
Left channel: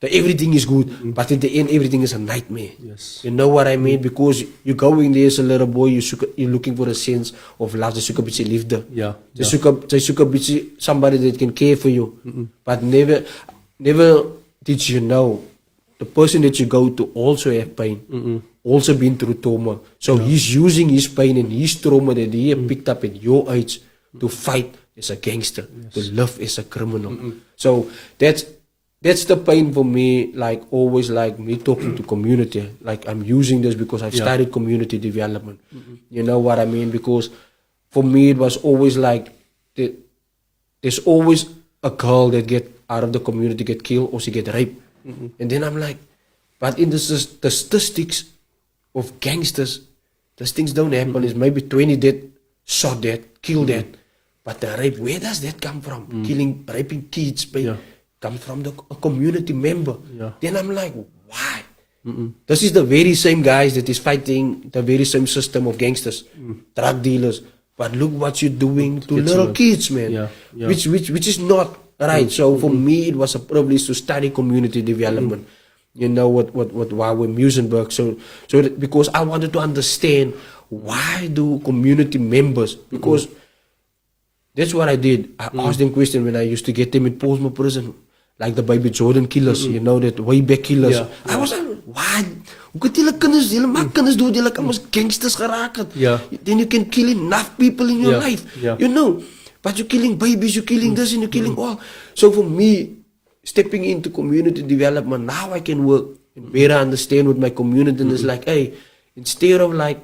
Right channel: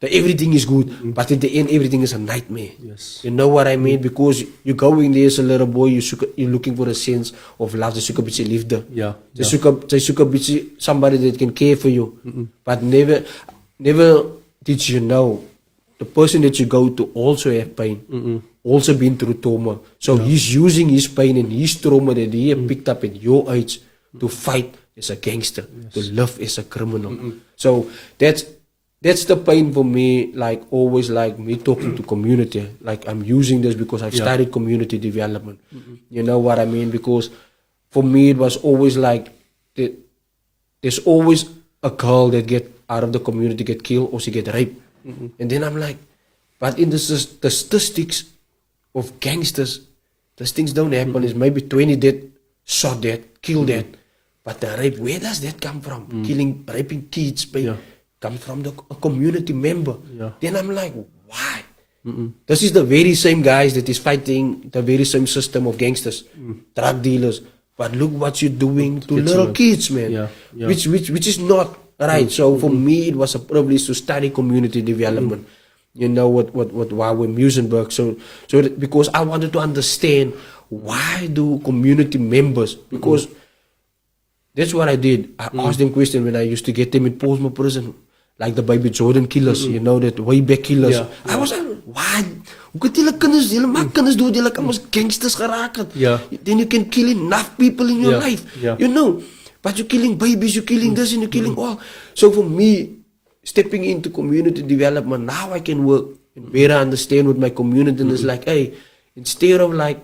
that everything is good, but in the end, everything is a nightmare. Yes. You know what I mean? Because you're going there as a little boy, you're looking for a sense of love. Jy soek 'n bietjie liefde. Yeah, Jy soek 'n bietjie somebody that can care for you. But never did you know the person that you go to also have pain, also been through trauma. So he's using his pain and his trauma that he have picked up at your age to fight as a gangster, to live as a criminal. So that's the pain for me, like always, like me talking to community. Like I'm using this because I've studied community development. You know what I mean? Because for me, it was always like, there's always a girl that get out of the community, get killed, or she get raped. And then I'm like, but in the statistics of gangsters, those things don't happen. It's maybe 20 dead, shot dead, killed dead. But the rape, where does that come from? Raping kids, come from a community member. Then I'm like, why? This is the very same guys that is fighting the very same system of gangsters, drug dealers. But look what you're doing to little kids, man. Which is not right. So for me, it was a privilege to study community development. You know what Wawe Musenberg. So because I wanted to understand why do community members, because that's what I did. I asked them questions when I used to get them in Portsmouth prison, like the Baby Jordan killers, you know, that way back killers. I was like, why? Hoe kan julle kinders, julle maak kinders dood, julle kan ons gangsters geraak het. Then you can kill enough people in your life, you know. But you're killing babies, you're killing this and you're killing all. So for me, stepping into community development, now I can work and better understand with my community. And it's like, hey, instead of like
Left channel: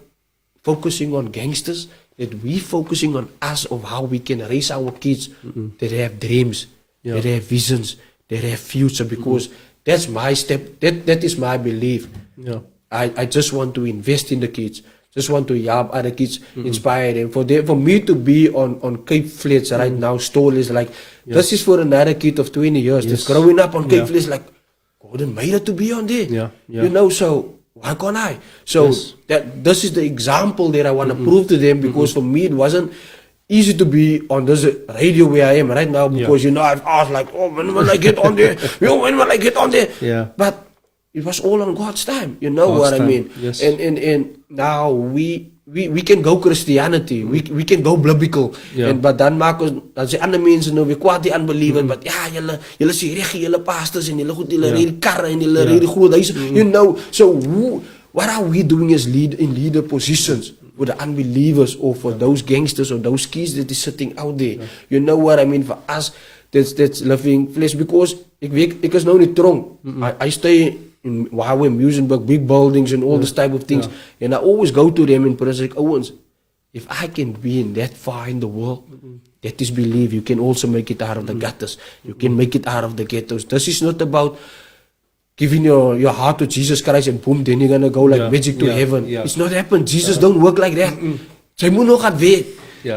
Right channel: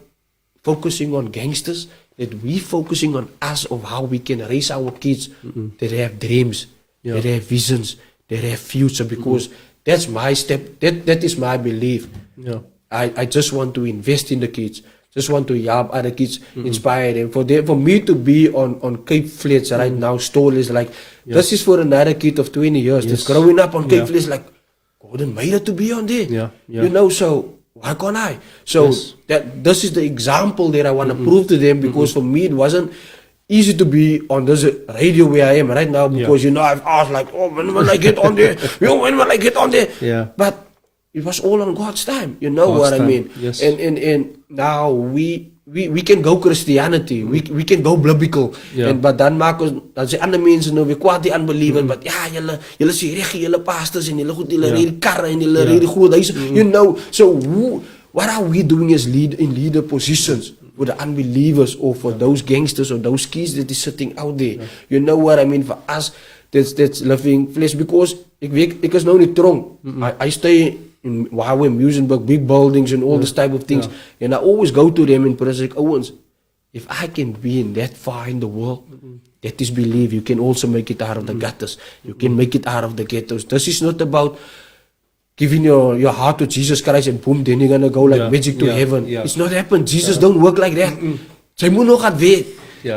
focusing on gangsters, that we focusing on us of how we can raise our kids that have dreams, that have visions, that have future, because that's my step, that is my belief. I just want to invest in the kids, just want to help other kids, inspire them. For me to be on Cape Flats right now, Stall is like, this is for another kid of 20 years that's growing up on Cape Flats, like, Gordon made it to be on there. You know, so why can't I? So this is the example that I want to prove to them, because for me it wasn't easy to be on this radio where I am right now, because you know, I've asked like, oh, when will I get on there? When will I get on there? But it was all on God's time. You know what I mean? And now we can go Christianity, we can go biblical. But dan maak ons, dan sê ander mense nou weer kwaad die unbeliever, but ja, julle sê reg, julle pastors en julle goed, julle ry die karre en julle ry die groot huise. You know, so what are we doing as leader positions for the unbelievers, or for those gangsters or those kids that is sitting out there? You know what I mean? For us, that's living flesh, because ek is nou in die tronk. I stay in Wawe Musenberg, big buildings and all this type of things. And I always go to them in prison, like, Owens, if I can be in that far in the world, that is believe you can also make it out of the gutters. You can make it out of the ghettos. This is not about giving your heart to Jesus Christ and boom, then you're going to go like magic to heaven. It's not happened. Jesus don't work like that. Jy moet nog gaan werk.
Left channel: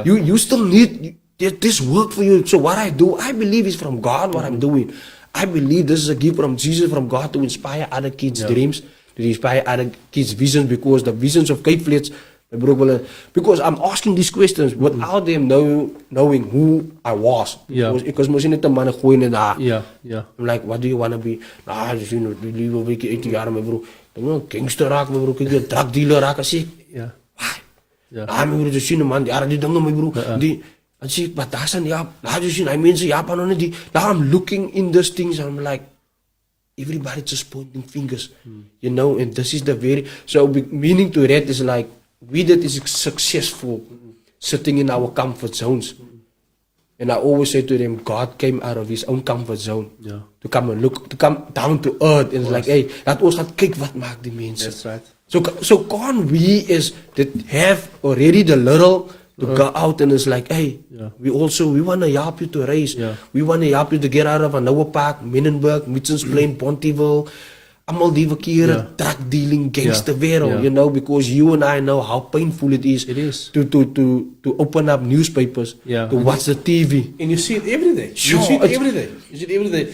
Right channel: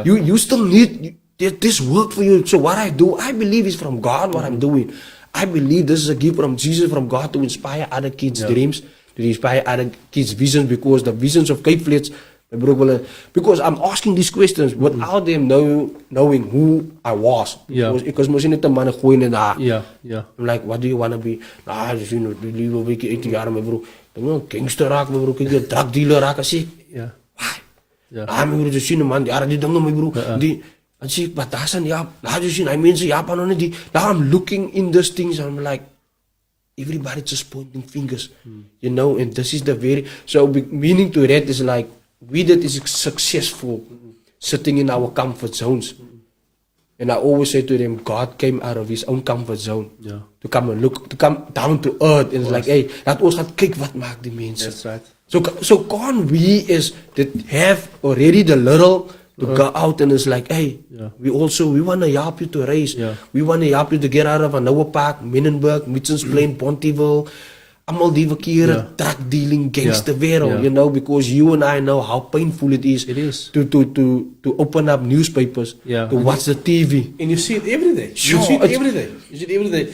You still need this work for you. So what I do, I believe is from God what I'm doing. I believe this is a gift from Jesus, from God, to inspire other kids' dreams, to inspire other kids' visions, because the visions of Cape Flats, because I'm asking these questions without them knowing who I was. Because most of the man going in there. I'm like, what do you want to be? You know, believe a week, 18 years, my bro. I'm gangster raak, my bro. Kijk, je drug dealer raak, I say. Why? I'm going to see the man, die don't know, my bro. And see, but that's an how do you see? I mean, now I'm looking in those things, and I'm like, everybody just pointing fingers, you know, and this is the very, so meaning to that is like, we that is successful sitting in our comfort zones. And I always say to them, God came out of his own comfort zone to come and look, to come down to earth. And it's like, hey, that was not kyk wat maak die mense. That's right. So can't we as that have already the little to go out, and it's like, hey, we want to help you to raise. We want to help you to get out of Anoa Park, Minenberg, Mitchell's Plain, Pontyville, allemaal die verkeerde drug dealing gangster wereld, you know, because you and I know how painful it is to open up newspapers, to watch the TV. And you see it every day. You see it every day.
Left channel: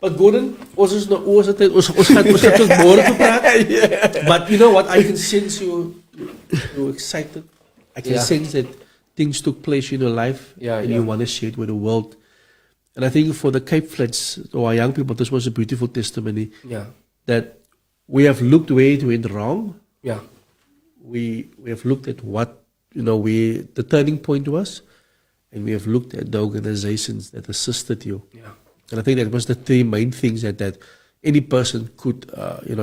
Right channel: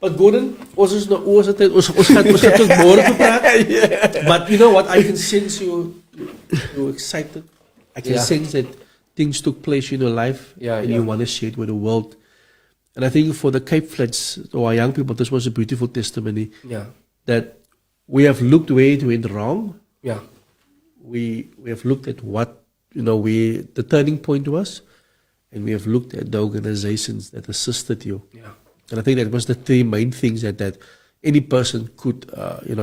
But Gordon, ons is nou oor sy tyd, ons gaan tot môre te praat. But you know what, I can sense you're excited. I can sense that things took place in your life, and you want to share it with the world. And I think for the Cape Flats or our young people, this was a beautiful testimony Yeah. that we have looked where it went wrong. Yeah. We have looked at what, the turning point was, and we have looked at the organizations that assisted you. Yeah. And I think that was the three main things that any person could,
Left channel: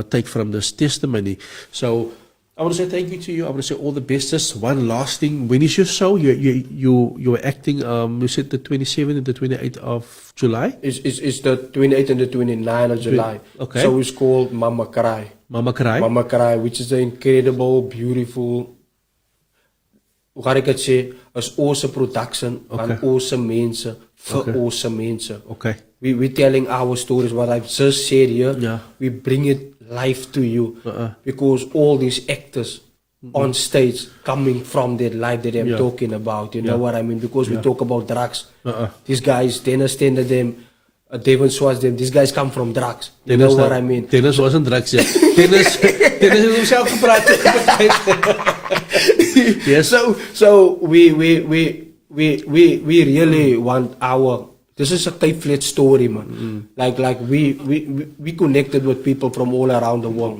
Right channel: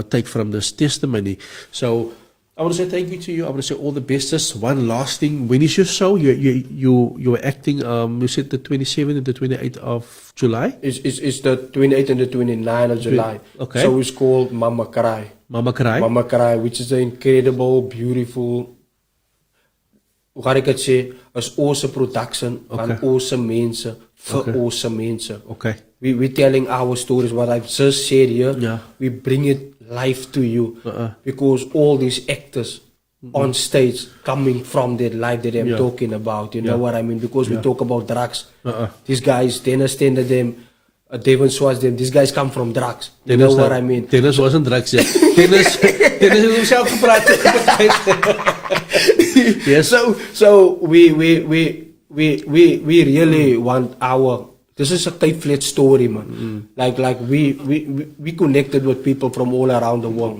take from this testimony. So I want to say thank you to you. I want to say all the best. Just one last thing. When is your show? You're acting. You said the 27th and the 28th of July. It's the 28th and the 29th of July. Okay. So it's called Mama Cry. Mama Cry. Mama Cry, which is an incredible, beautiful, hoe kan ik het zeggen, is awesome production van awesome mensen voor awesome mensen. Okay. We telling our stories, what I've just said here. Yeah. We bring it live to you because all these actors on stage coming from that life that I'm talking about. You know what I mean? Because we talk about drugs. These guys, Dennis Tender, them, Devon Schwartz, them, these guys come from drugs. You know what I mean? Dennis wasn't drugs yet. Dennis himself gepraat. Yes. So we really want our. This is a Cape Flats story, man. Like we connected with people from all around the world.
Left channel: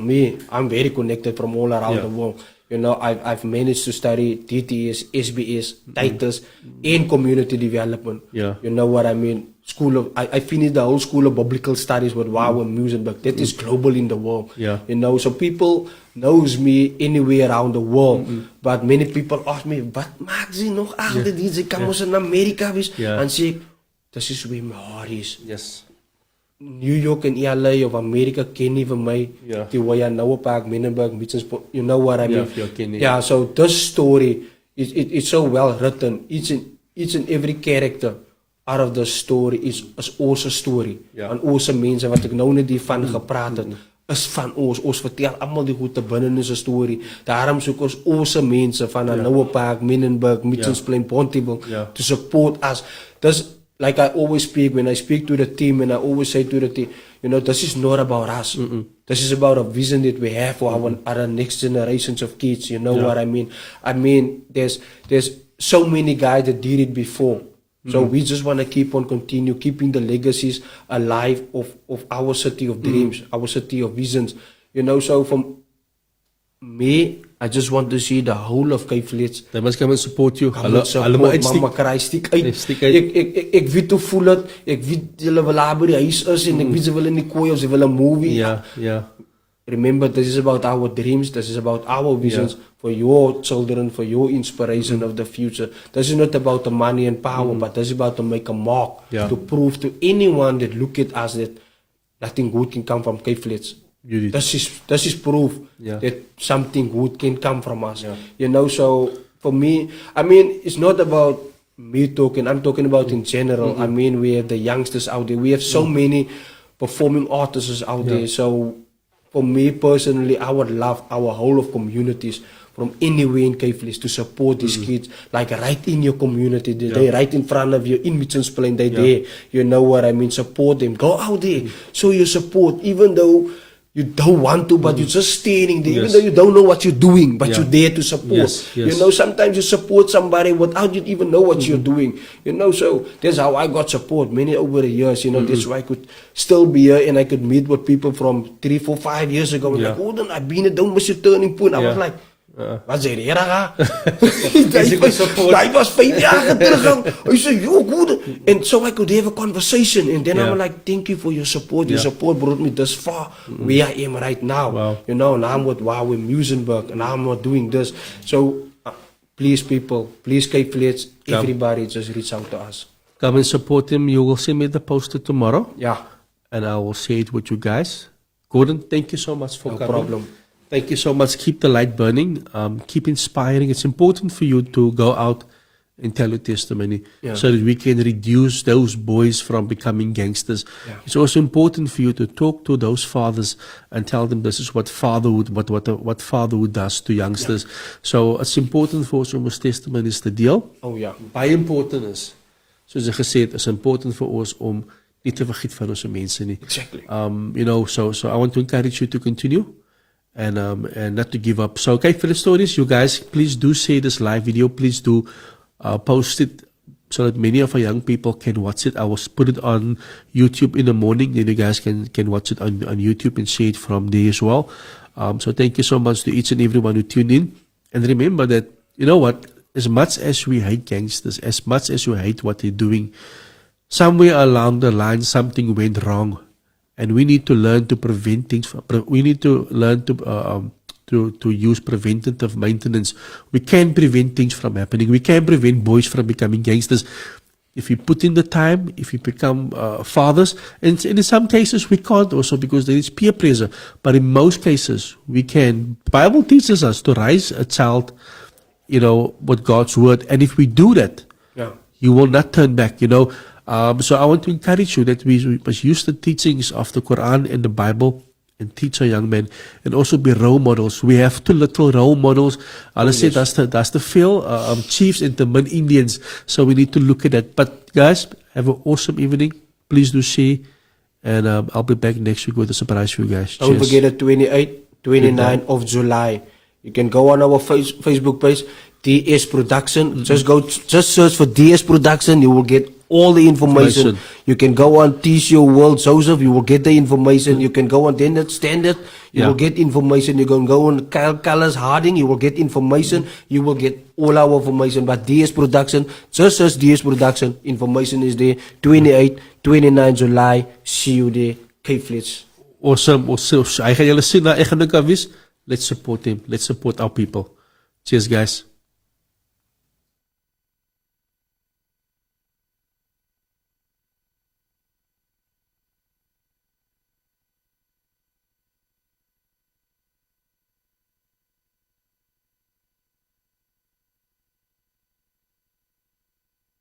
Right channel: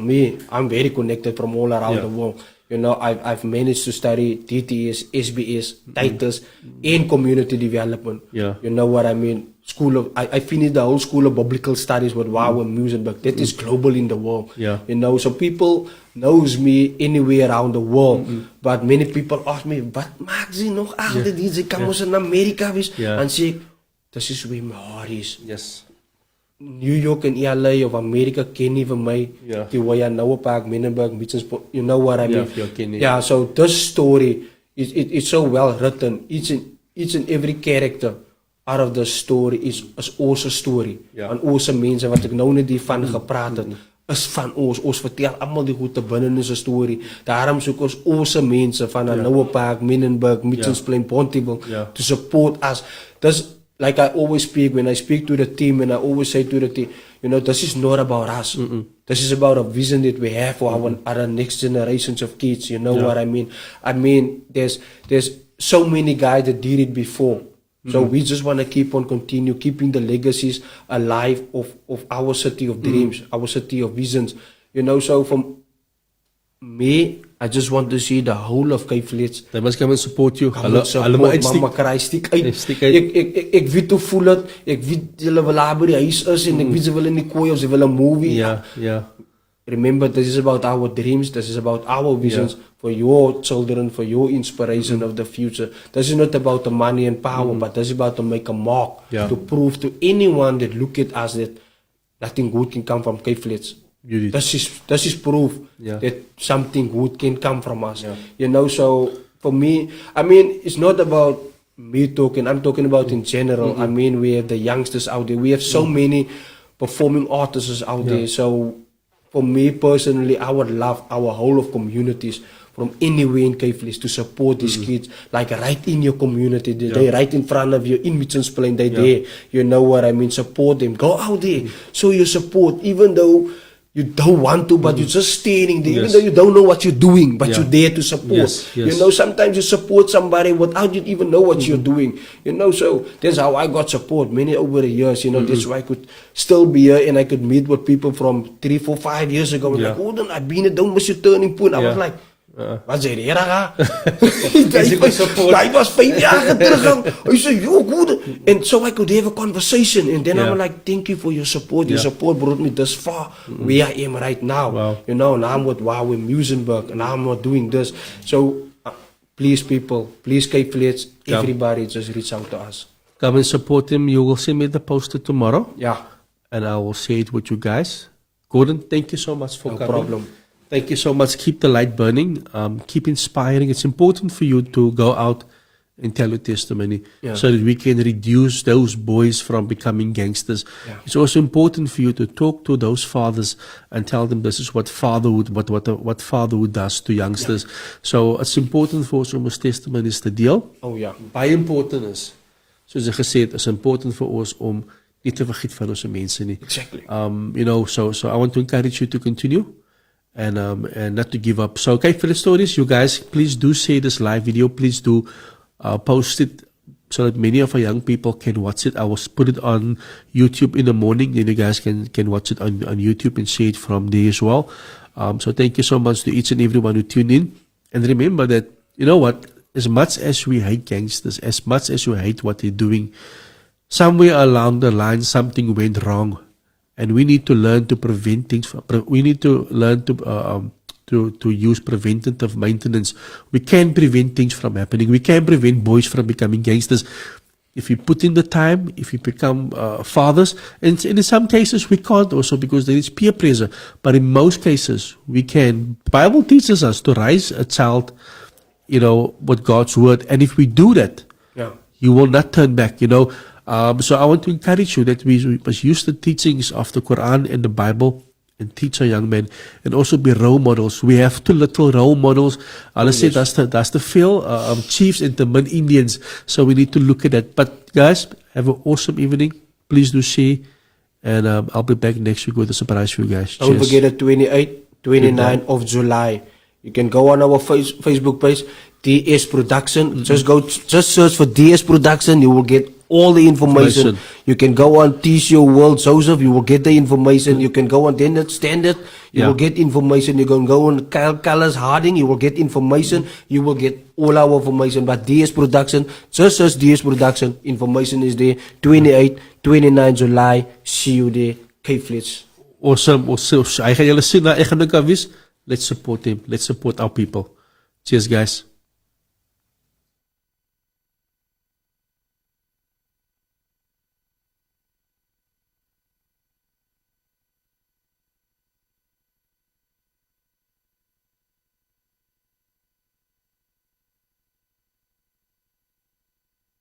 I'm very connected from all around the world. You know, I've managed to study DTS, SBS, Titus, and community development. Yeah. You know what I mean? I finished the whole School of Biblical Studies with Wow and Muizenberg. That is global in the world. Yeah. You know, so people knows me anywhere around the world. But many people ask me, wat maakt ze nog achter die? Ze kan ons in Amerika wees. En zeg, this is where my heart is. Yes. New York and LA of America ken nie van my. Die waar jy nou op Park, Minenberg, Mitchelsport, you know what I mean? Yeah, so this story, it's so well written. Each and every character out of the story is ons story. En ons mense wat ek nou net hiervan gepraat het, is van ons. Ons vertel allemaal die goede binnen in 'n story. Daarom soek ons mense van Noah Park, Minenberg, Mitchelsplein, Pontyville to support us. This, like I always speak, when I speak to the team, and I always say to the team, you know, this is not about us. This is about a vision that we have for our next generations of kids. You know what I mean? I mean, there's so many guys that did it before. So we just want to continue keeping the legacies alive of our city of dreams, our city of visions. You know, so from me, I just want to see the whole of Cape Flats. They must come and support you. Hulle Mama Cry stiek uit. Ek weet hoe voel dit. Ek weet hulle wil daar by die huis is en ek weet ze wil in die kooi of ze wil 'n movie. Yeah. Remember, this is about our dreams. This is about our visions for your children, for your inspiration of the future. This is not about the money and power, but this is about to make a mark, to prove to anyone that look at us that nothing good can come from Cape Flats. This is proof that something good can come from us. You know, so for me, I mean, it's not about me talking. I'm talking about in general. I mean, we have the youngsters out there. We have so many performing artists out there. So for me personally, I would love our whole of communities from anywhere in Cape Flats to support these kids, like right in your community. They're right in front of you, in Mitchelsplein, they're there. You know what I mean? Support them. Go out there. Show your support, even though you don't want to, but you're just standing there, even though you don't know what you're doing, but you're there to support. You know, sometimes you support somebody without you even know what you're doing. You know, so that's how I got support many over the years. You know, that's why I could still be here and I could meet with people from 3, 4, 5 years ago. Like, oh, then I've been don't miss your turning point. I was like, wat sê die ka? Hij was 5 jaar terug. Hij zei, yo, good. And so I could have a conversation. And then I was like, thank you for your support. Your support brought me this far. Where I am right now. You know, and I'm with Wow in Muizenberg. And now I'm not doing this. So, please people, please Cape Flats, everybody just reach out to us. Come and support him. You will send me the poster tomorrow. Yeah. And I will share it with you guys. Gordon, thank you so much for coming. No problem. Thank you so much. Keep the light burning. Keep inspiring. It's important for you to go out and tell your testimony so that we can reduce those boys from becoming gangsters. It's also important for you to talk to those fathers and tell them this is what fatherhood, what fatherhood does to youngsters. So it's important for us om ons testimonies te deel. Oh ja. Baie important is, soos ek gesê het, is important vir ons om nie te vergiet van ons mense nie. Exactly. You know, so I want to encourage you to continue. And not to give up. So, okay, for the stories, you guys, please do share this live video. Please do post it. so that many of our young people can watch it. I will put it on YouTube in the morning, then you guys can watch it on YouTube and see it from there as well. So thank you so much to each and everyone who tuned in. And remember that, you know what, as much as we hate gangsters, as much as we hate what they're doing, somewhere along the line something went wrong. And we need to learn to prevent things. We need to learn to use preventative maintenance. We can prevent things from happening. We can prevent boys from becoming gangsters. If you put in the time, if you become fathers, and in some cases we can't also because there is peer pressure. But in most cases we can. The Bible teaches us to raise a child, you know, with God's word. And if we do that, you will not turn back, you know. So I want to encourage you that we must use the teachings of the Quran and the Bible and teach our young men and also be role models. We have two little role models. Hulle sê that's the veel chiefs and the Indians. So we need to look at that. But guys, have an awesome evening. Please do share. And I'll be back next week with a surprise for you guys. Don't forget the 28, 29 of July. You can go on our Facebook page, DS Production. Just search for DS Production. You will get all the information. You can go on TCO World Joseph, you will get the information. You can go on Dennett Standard, you will get information. You can go on Colors Harding, you will get information. You will get all our information. But DS Production, just search DS Production. Information is there. 28, 29 July. See you there. Cape Flats. Awesome. Hy gaan julle sien na ek gaan dink aan wie's. Let's support him. Let's support our people. Cheers guys.